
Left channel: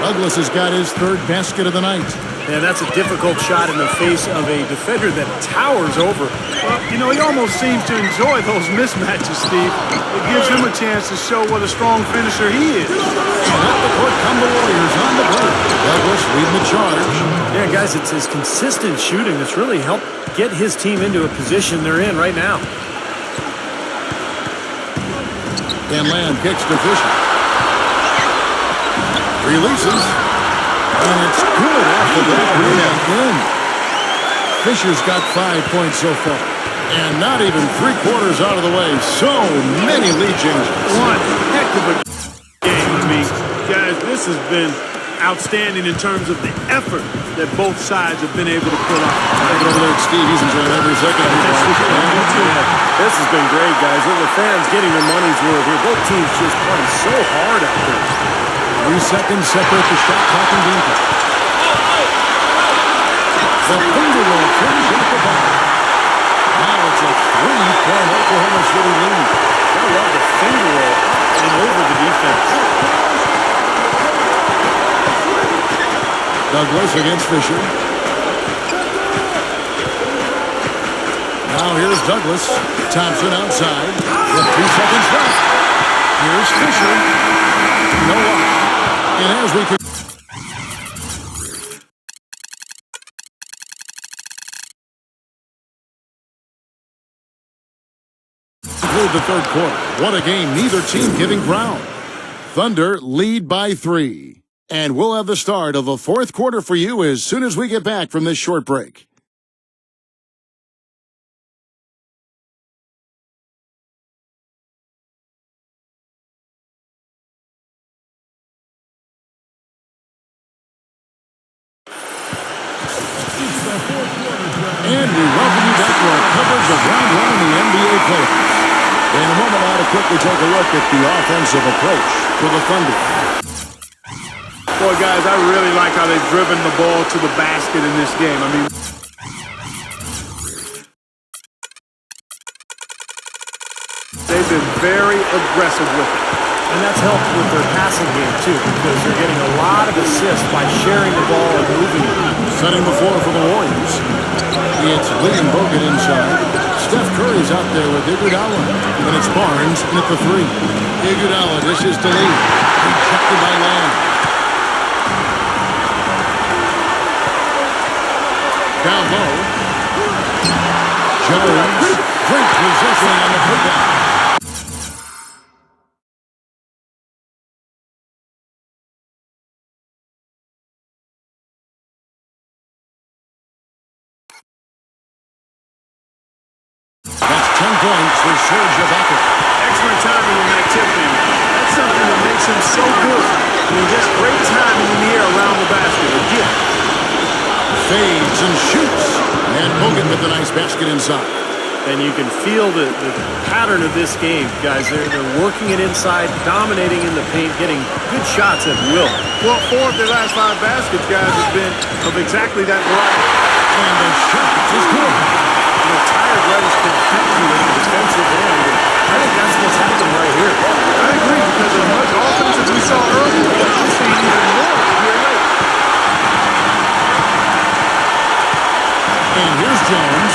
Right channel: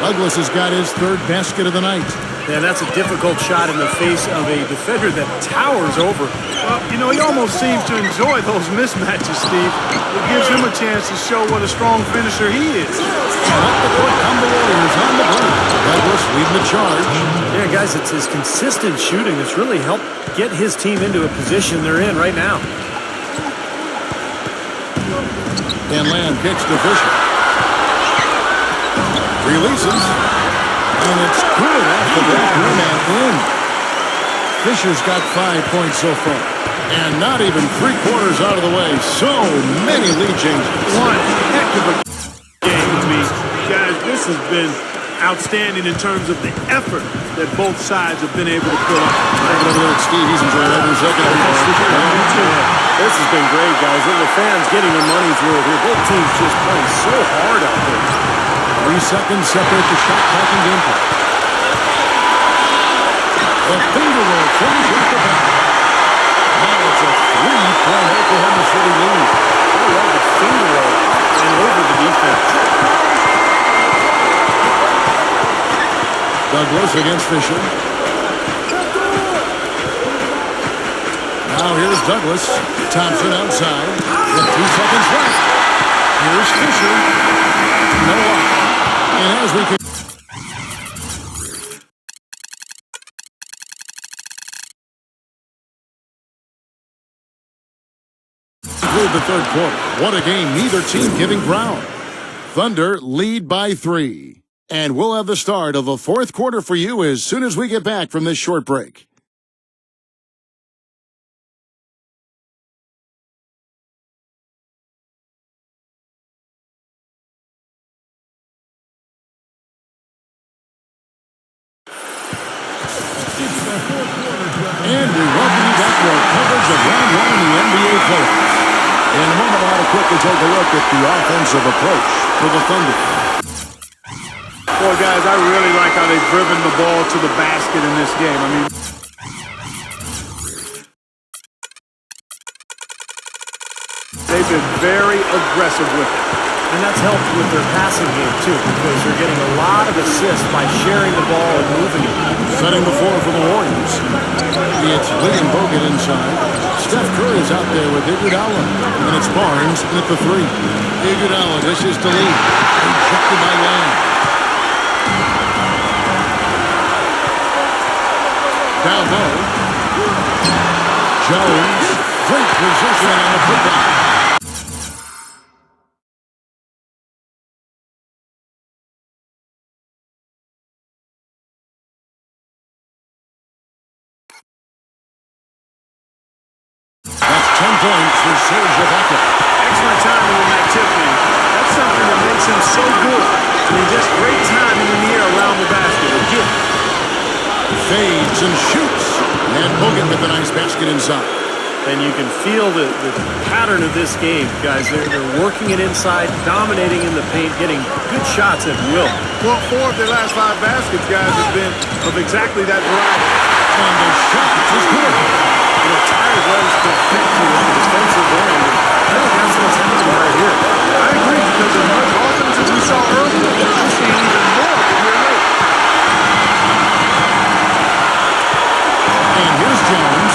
Douglas has got his 3rd basket of the night. Yeah, that's a difficult shot in the face of a defender that towers over. Well, you know, he almost seems to enjoy those mismatches, Steve. It gives him a chance to show what a strong finisher he is. And up the court come the Warriors on the break. Douglas leading the charge. Yeah, guys, it's his consistent shooting that's really helped get his team into a position they're in right now. And Lamb kicks to Fisher. Releases. And it's good off the back rim and in. Fisher's got 5 points so far. And not even 3/4 out of the way. So many lead changes. One heck of a game to me. Guys, this has been outstanding in terms of the effort that both sides have been able to put on. Take it over there at Steve. He's enjoying every second of it. This has been great, guys. The fans getting their money's worth here. Both teams just playing so hard out there. 3 seconds separate the shot clock and game clock. The finger roll finish at the back. Now it's a 3-point Oklahoma City lead. I love the finger roll up and over the defense. Douglas against Fisher. Now here's Douglas. Thompson outside with 2 seconds left. Here's Fisher. No lock. And as we conclude the third quarter, what a game. Neither team giving ground. Thunder lead by 3. And we'll have the start of the fourth quarter for you as soon as we get back from this short break. And we welcome you back to our coverage of round 1 in the NBA playoffs. In a moment now to quickly take a look at the offensive approach for the Thunder. Boy, guys, I really like how they've driven the ball to the basket in this game. I mean, they've been very aggressive with it. And that's helped with their passing game, too, because they're getting a lot of assists by sharing the ball and moving it. Setting the floor for the Warriors. It's Lee and Bogut inside. Steph Curry's out there with Iguodala. And it's Barnes in at the 3. Iguodala dishes to Lee. Rejected by Lamb. Down low. Jones. Great positioning on the putback. That's 10 points for Serge Ibaka. excellent timing on that tip in. That's something that makes him so good. I mean, just great timing in the air around the basket. A gift. Fades and shoots. And Bogut with a nice basket inside. And you can feel the pattern of this game, guys. They're working it inside, dominating in the paint, getting good shots at will. Well, 4 of their last 5 baskets, guys, have been of exactly that variety. And the shot is good. You know, tired legs can affect you at the defensive end, and I think that's what's happening right here. I agree, because as much offense as we saw earlier, we're seeing even more here late. And here's Jones.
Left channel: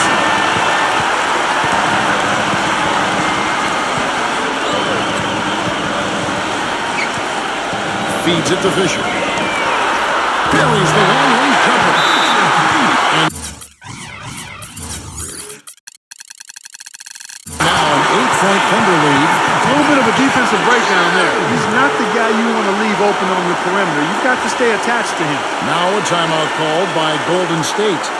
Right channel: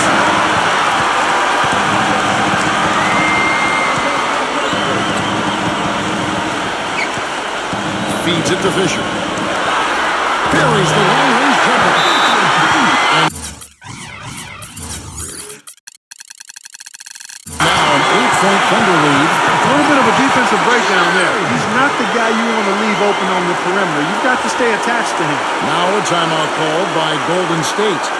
Feeds it to Fisher. Buries the long-range jumper. And now an 8-point Thunder lead. A little bit of a defensive breakdown there. He's not the guy you want to leave open on the perimeter. You've got to stay attached to him. Now a timeout called by Golden State.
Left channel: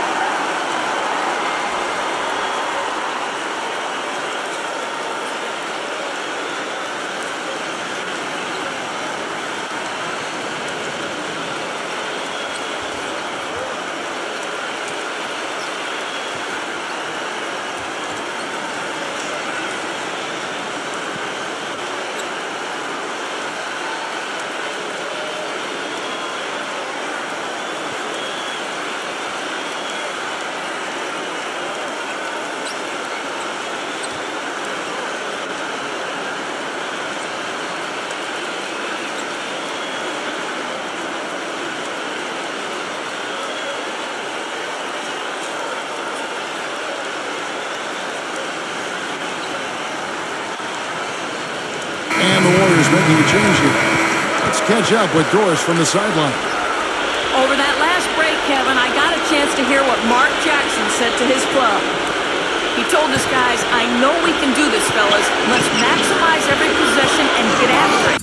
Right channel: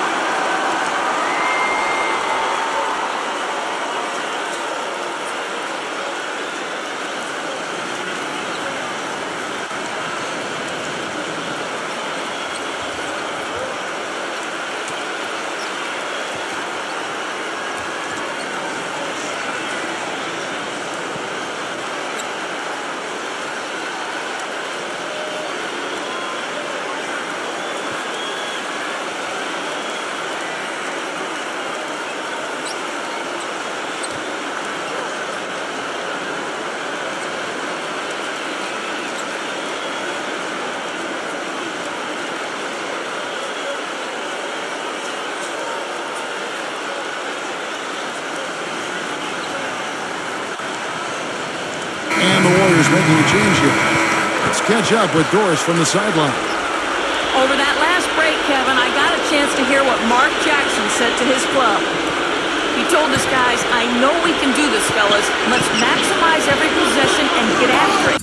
And the Warriors making a change here. Let's catch up with Doris from the sideline. Over that last break, Kevin, I got a chance to hear what Mark Jackson said to his club. He told his guys, I know we can do this, fellas. Let's maximize every possession and get after it.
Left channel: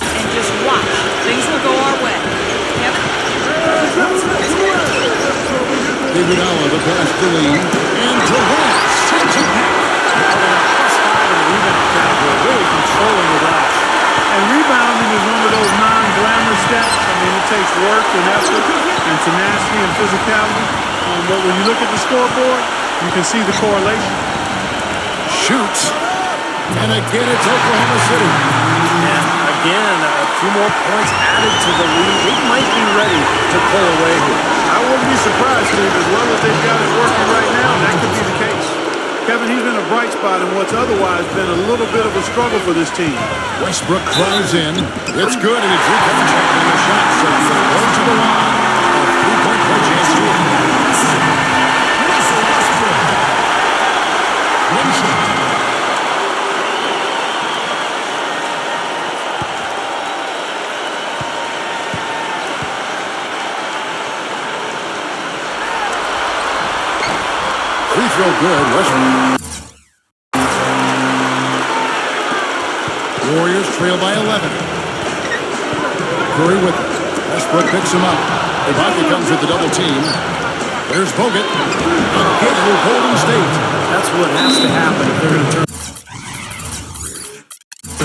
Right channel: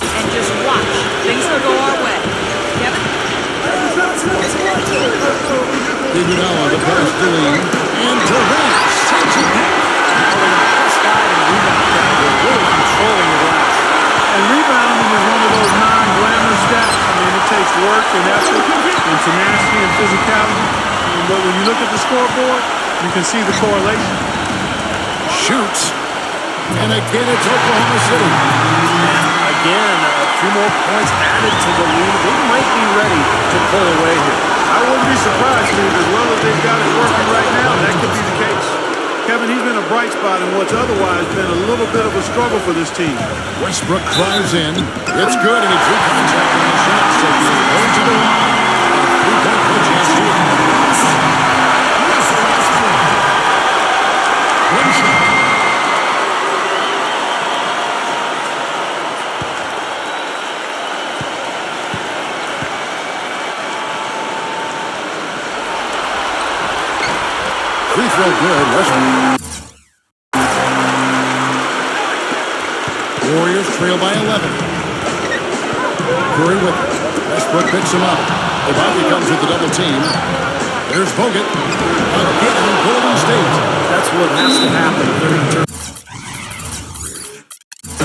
And just watch. Things will go our way. Kevin? Iguodala, the pass to Lee. And Durant sends it back. Well, they got +5 in the rebound category, really controlling the glass. And rebounding is one of those non-glamour stats. I mean, it takes work and effort and tenacity and physicality. But when you look at the scoreboard, you can see the correlation. Shoots. And again, it's Oklahoma City. And again, a few more points added to the lead. They might be ready to pull away here. I wouldn't be surprised, Steve, as well as they've got it working right now, that could be the case. Kevin, he's been a bright spot in what's otherwise been a little bit of a struggle for this team. Westbrook drives in. It's good, and he drew contact on the shot, so he will go to the line. A three-point play chance here. Russell Westbrook. One shot. Free throw good, Westbrook. Warriors trail by 11. Curry with it. Westbrook picks him up. Ibaka comes with the double team. There's Bogut. Again in Golden State. That's what has to happen if they're going to turn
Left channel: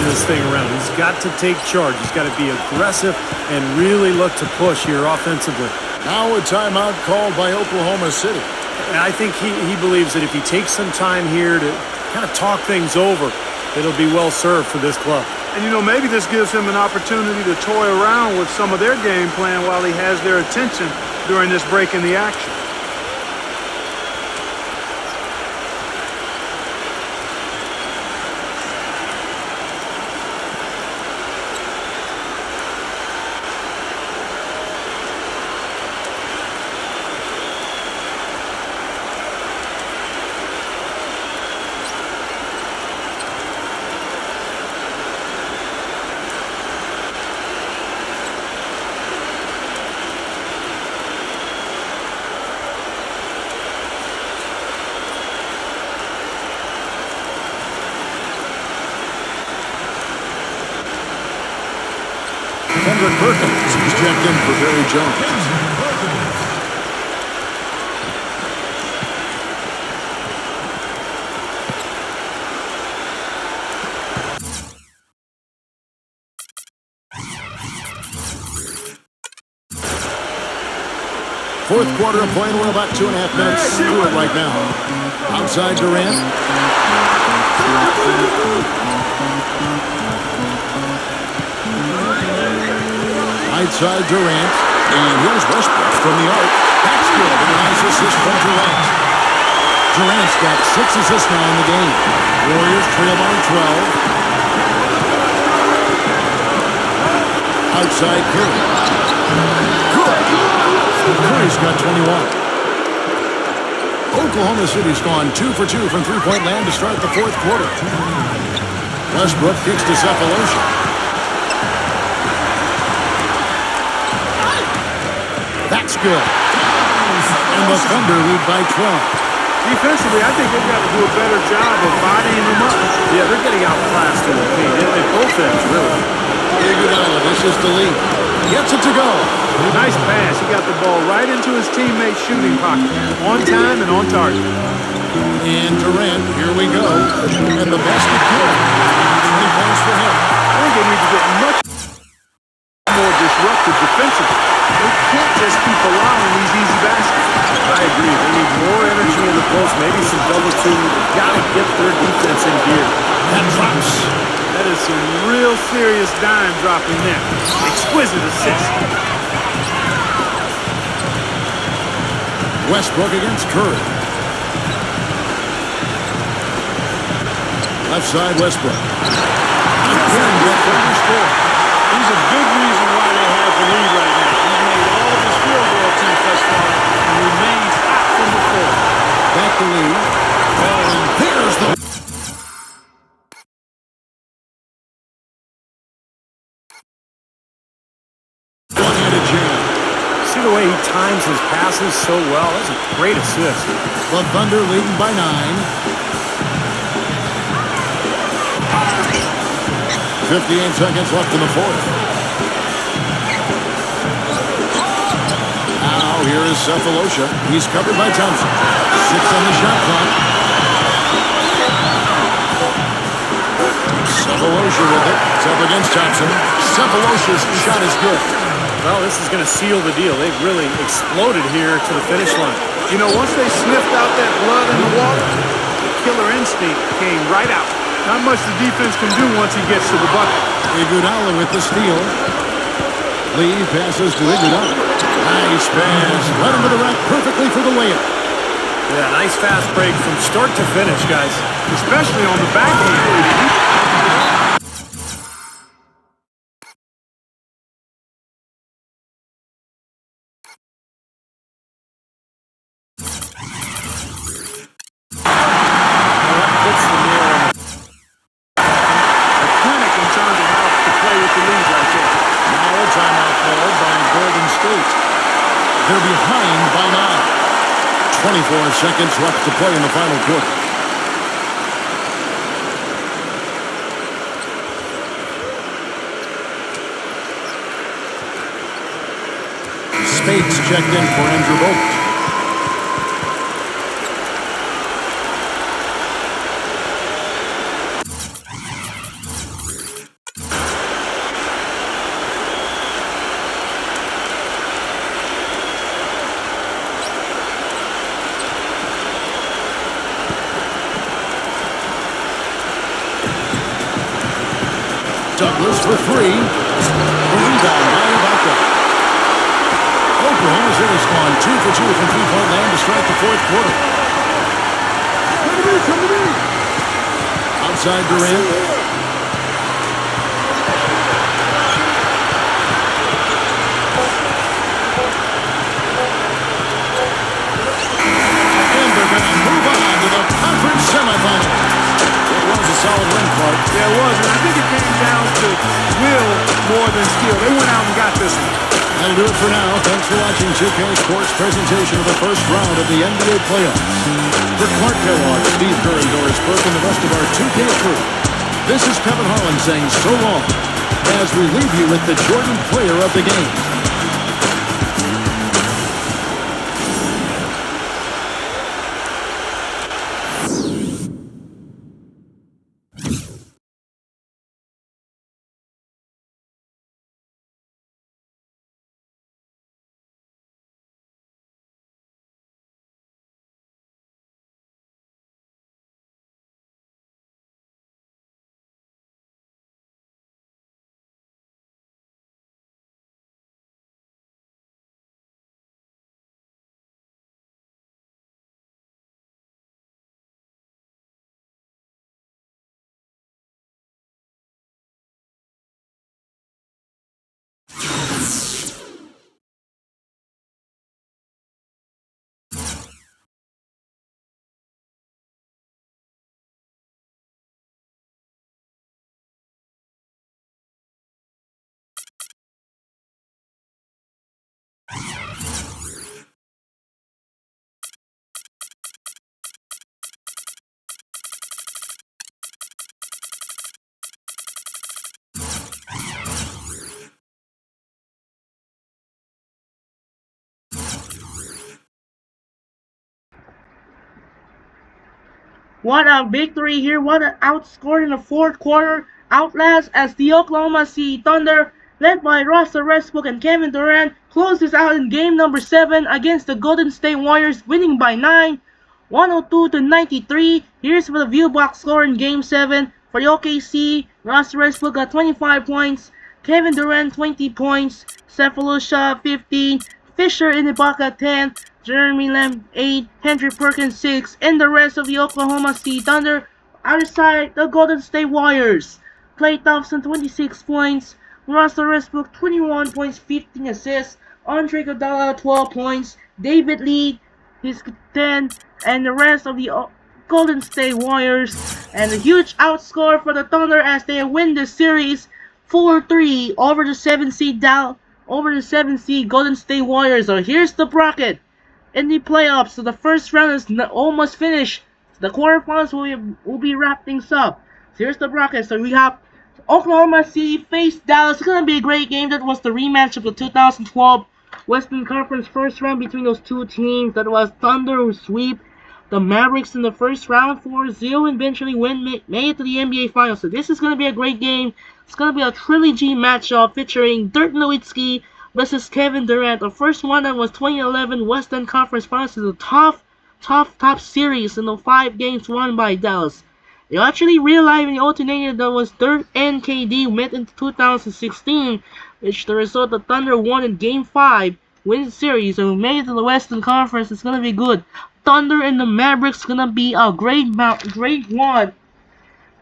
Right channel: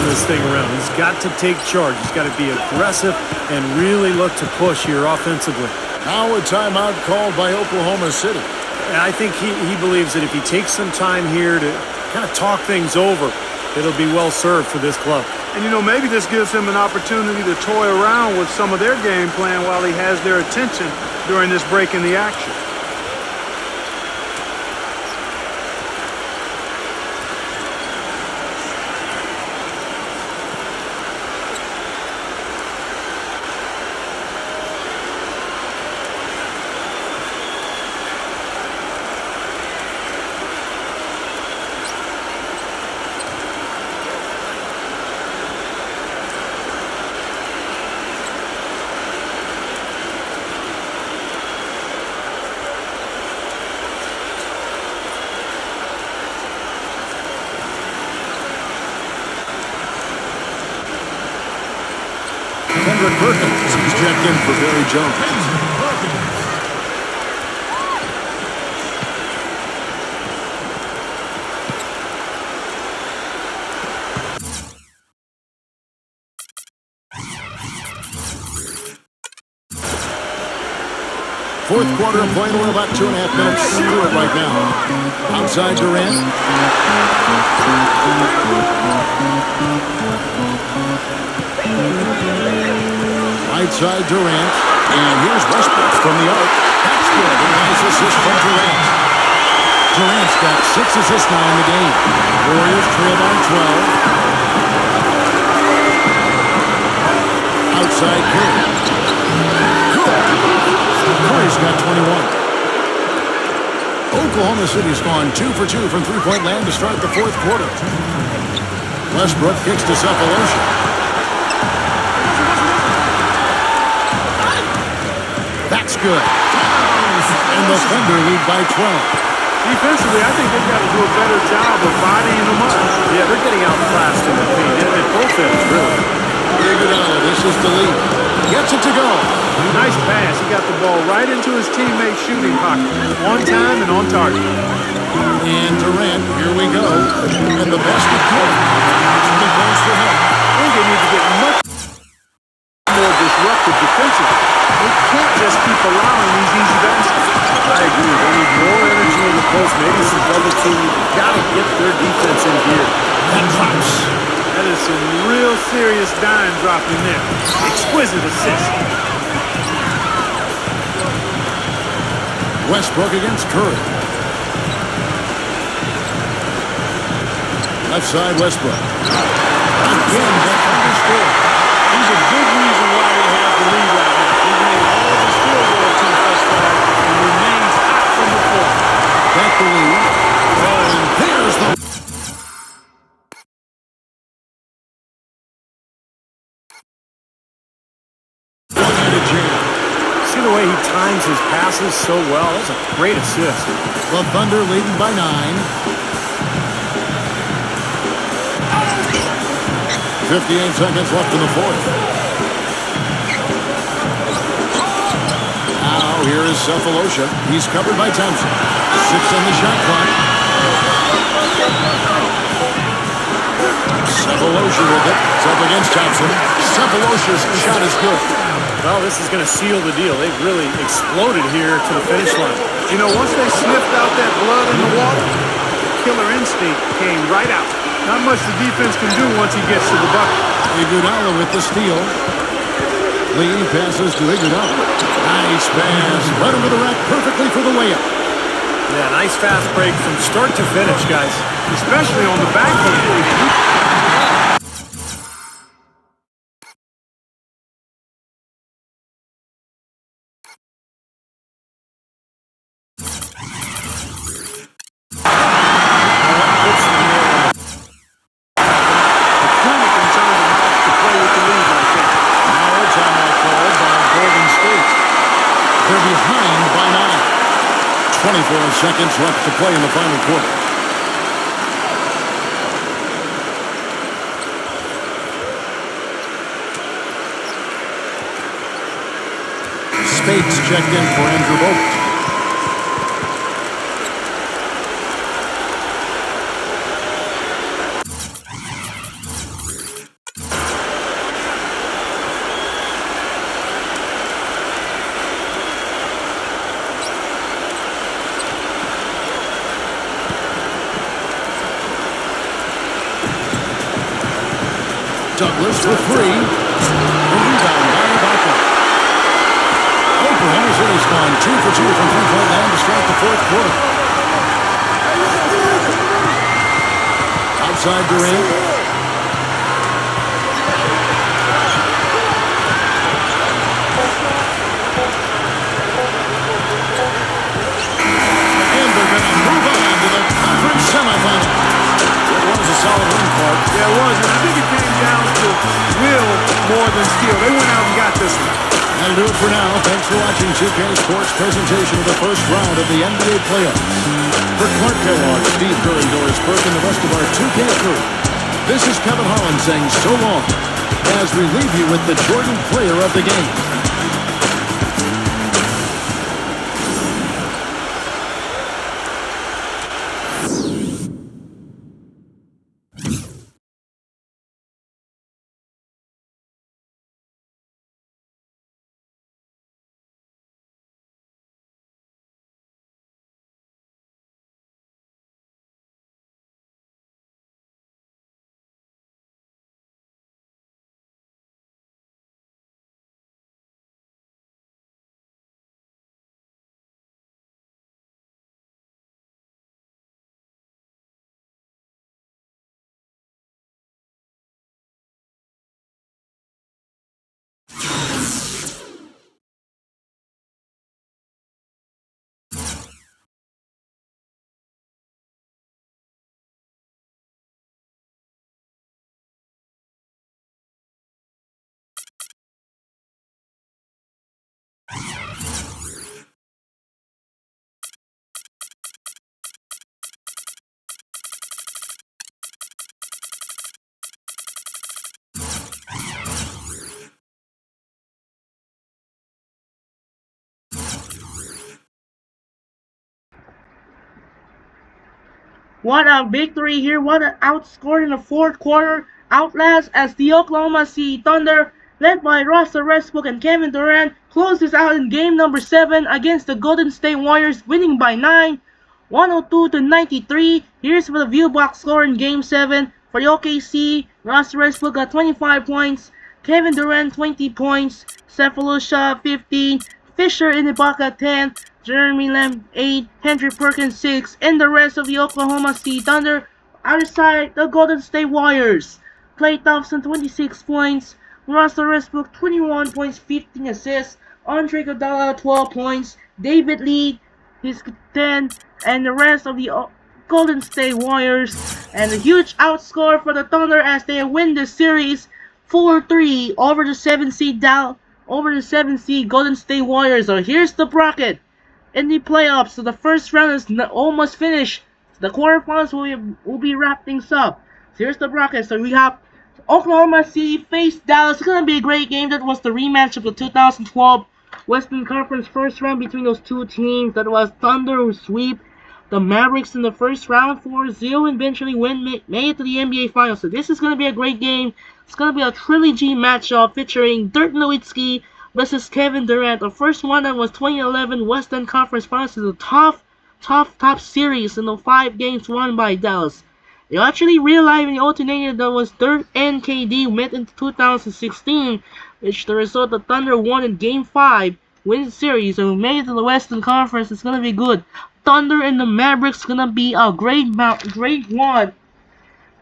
this thing around. He's got to take charge. He's got to be aggressive and really look to push here offensively. Now a timeout called by Oklahoma City. And I think he believes that if he takes some time here to kind of talk things over, it'll be well served for this club. And, you know, maybe this gives him an opportunity to toy around with some of their game plan while he has their attention during this break in the action. Kendrick Perkins. He's checked in for Barry Jones. Fourth quarter of play, and we're about 2.5 minutes through it right now. Outside Durant. Right side Durant. And here's Westbrook from the arc. That's good. And a nice assist from Durant. Durant's got 6 assists now in the game. Warriors trail by 12. Outside Curry. Good. Curry's got 21. Oklahoma City's gone 2 for 2 from three-point land to start the fourth quarter. Westbrook kicks to Cephalosha. That's good. And the Thunder lead by 12. Defensively, I think they've got to do a better job of bodying them up. Yeah, they're getting outclassed in the paint at both ends, really. Iguodala dishes to Lee. Gets it to go. Nice pass. He got the ball right into his teammate's shooting pocket. On time and on target. And Durant, here we go. And the basket good. 20 points for him. I think they need to get much more disruptive defensively. They can't just keep allowing these easy baskets. I agree. They need more energy in the post, maybe some double teaming. They've got to get their defense in gear. That drops. That is some real serious dime dropping there. Exquisite assist. Westbrook against Curry. Left side Westbrook. Again, the Thunder score. He's a big reason why they have the lead right now. He's made all of his field goal attempts thus far and remains hot from the floor. Back the lead. Oh, and there's the One-handed jam. See the way he times his passes so well? That's a great assist. The Thunder leading by 9. 58 seconds left in the fourth. Now here is Cephalosha. He's covered by Thompson. 6 on the shot clock. Cephalosha with it. It's up against Thompson. Cephalosha's shot is good. Well, this is going to seal the deal. They've really exploded here to the finish line. You know, once they sniffed out that blood in the water, the killer instinct came right out. Not much the defense can do once he gets to the bucket. Iguodala with the steal. Lee passes to Iguodala. Nice pass. Led him to the rack perfectly for the layup. Yeah, nice fast break from start to finish, guys. Especially on the backhand. Puts the nail on the A clinic in terms of how to play with the lead right there. Now a timeout called by Golden State. They're behind by 9. 24 seconds left to play in the final quarter. Spades checked in for Andrew Bogut. Douglas for 3. The rebound by Ibaka. Oklahoma City's gone 2 for 2 from three-point land to start the fourth quarter. Outside Durant. And they're going to move on to the conference semifinals. It was a solid win, Clark. Yeah, it was, and I think it came down to will more than skill. They went out and got this one. That'll do it for now. Thanks for watching 2K Sports presentation of the first round of the NBA playoffs. For Clark Kellogg, Steve Kerr, and Doris Burke, and the rest of our 2K crew, this is Kevin Harlan saying so long as we leave you with the Jordan player of the game. What a victory here. What an outscore in the fourth quarter. Outlast as the Oklahoma City Thunder, led by Russell Westbrook and Kevin Durant, closes out in game number 7 against the Golden State Warriors, winning by 9, 102-93. Here's for the view box score in game 7. For the OKC, Russell Westbrook got 25 points, Kevin Durant 20 points, Cephalosha 15, Fisher in Ibaka 10, Jeremy Lamb 8, Henry Perkins 6, and the rest of the Oklahoma City Thunder. Outside the Golden State Warriors, Klay Thompson 26 points, Russell Westbrook 21 points, 15 assists, Andre Iguodala 12 points, David Lee his 10, and the rest of the Golden State Warriors. And a huge outscore for the Thunder as they win the series 4-3 over the 7 seed over the 7th seed Golden State Warriors. So here's the bracket in the playoffs. So the first round is almost finished. The quarterfinals will be wrapped things up. So here's the bracket. So we have Oklahoma City face Dallas. It's gonna be a great game. That was the rematch of the 2012 Western Conference first round between those two teams. That was Thunder who sweep the Mavericks in the first round 4-0 and eventually made it to the NBA Finals. So this is gonna be a great game. It's gonna be a trilogy matchup featuring Dirk Nowitzki versus Kevin Durant. The first one that was 2011 Western Conference Finals is a tough series in the 5 games won by Dallas. They actually realized in the alternative that was Dirk and KD met in 2016, which the result the Thunder won in Game 5, win the series, and made it to the Western Conference. It's gonna be good. Thunder and the Mavericks gonna be a great one.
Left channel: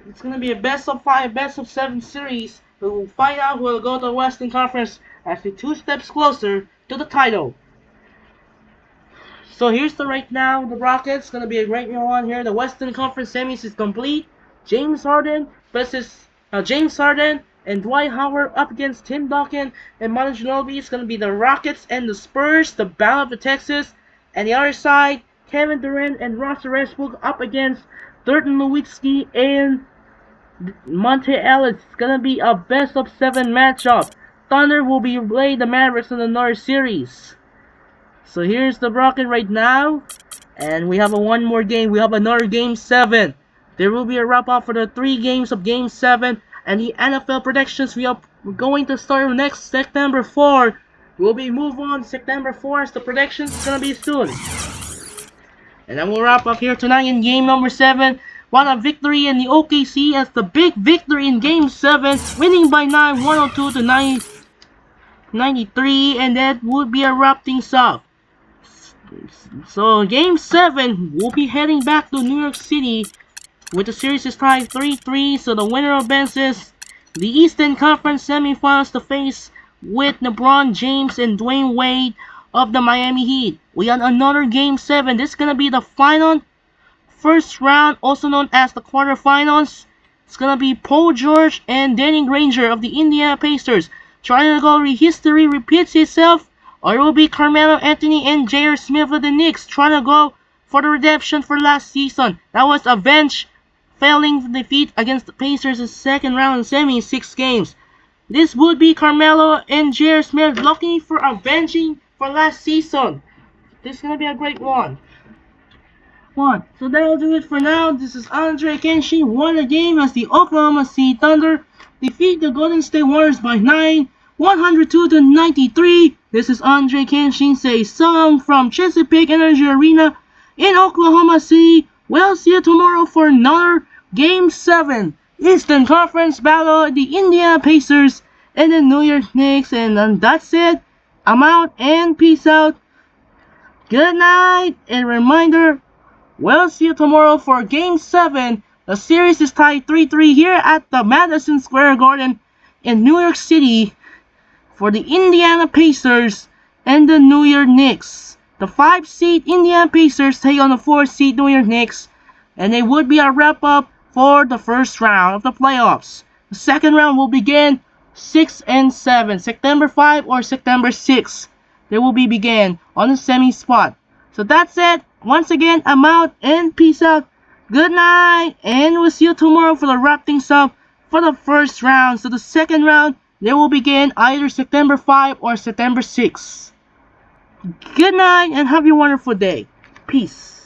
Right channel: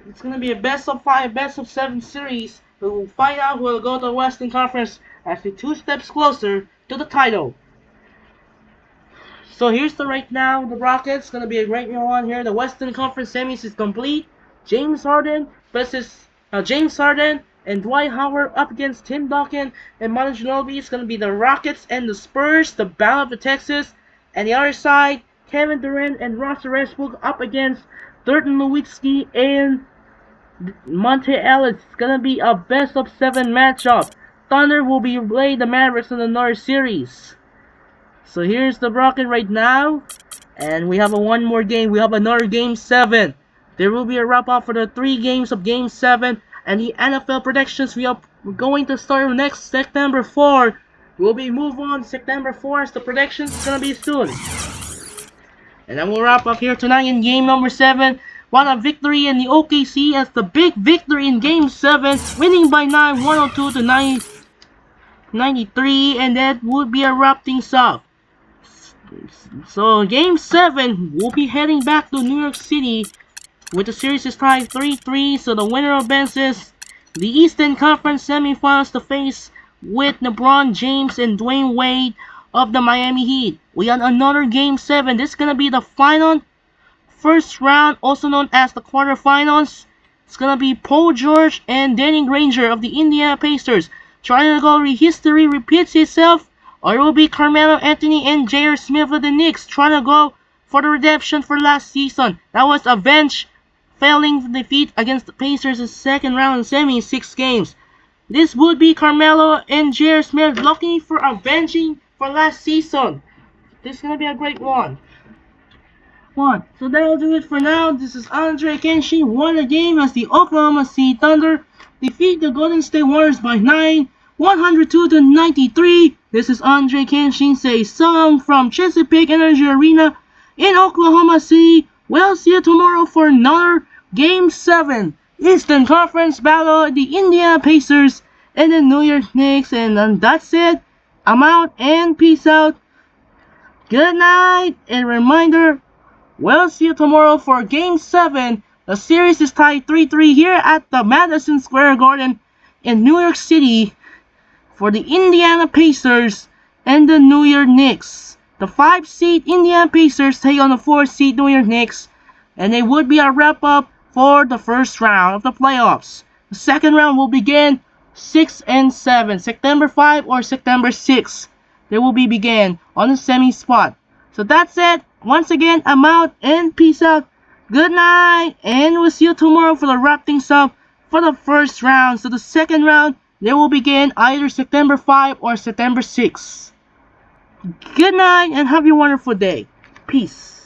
It's gonna be a best of 5, best of 7 series. We'll find out who will go to the Western Conference as we're 2 steps closer to the title. So here's the right now, the Rockets. Gonna be a great one here. The Western Conference semis is complete. James Harden and Dwight Howard up against Tim Duncan and Manu Ginobili. It's gonna be the Rockets and the Spurs, the Battle of Texas. And the other side, Kevin Durant and Russell Westbrook up against Dirk Nowitzki and Monte Ellis. It's gonna be a best of 7 matchup. Thunder will be playing the Mavericks in another series. So here's the bracket right now, and we have one more game. We have another Game 7. There will be a wrap-up for the 3 games of Game 7, and the NFL predictions we're going to start next September 4. We'll be move on September 4 as the predictions is going to be soon. And then we'll wrap up here tonight in game number 7. What a victory in the OKC as the big victory in Game 7, winning by 9, 102 to 93, and that would be a wrap things up. So Game 7, we'll be heading back to New York City with the series is tied 3-3. So the winner advances the Eastern Conference semifinals to face with LeBron James and Dwayne Wade of the Miami Heat. We have another Game 7. This is gonna be the final first round, also known as the quarterfinals. It's gonna be Paul George and Danny Granger of the Indiana Pacers trying to go history repeats itself, or it will be Carmelo Anthony and J.R. Smith of the Knicks trying to go for the redemption for last season. That was avenged, failing to defeat against the Pacers in second round in semi 6 games. This would be Carmelo and J.R. Smith looking for avenging for last season. This is gonna be a great one. So that'll do it for now. This is Andre Kenshin. Won the game as the Oklahoma City Thunder defeat the Golden State Warriors by 9, 102 to 93. This is Andre Kenshin say song from Chesapeake Energy Arena in Oklahoma City. We'll see you tomorrow for another Game 7 Eastern Conference battle, the Indiana Pacers and the New York Knicks. And that's it. I'm out and peace out. Good night, and reminder, we'll see you tomorrow for Game 7. The series is tied 3-3 here at the Madison Square Garden in New York City for the Indiana Pacers and the New York Knicks. The 5-seed Indiana Pacers take on the 4-seed New York Knicks, and it would be a wrap-up for the first round of the playoffs. The second round will begin 6 and 7, September 5 or September 6. They will be begin on the semi spot. So that's it. Once again, I'm out and peace out. Good night, and we'll see you tomorrow for the wrap things up for the first round. So the second round, they will begin either September 5 or September 6. Good night, and have a wonderful day. Peace.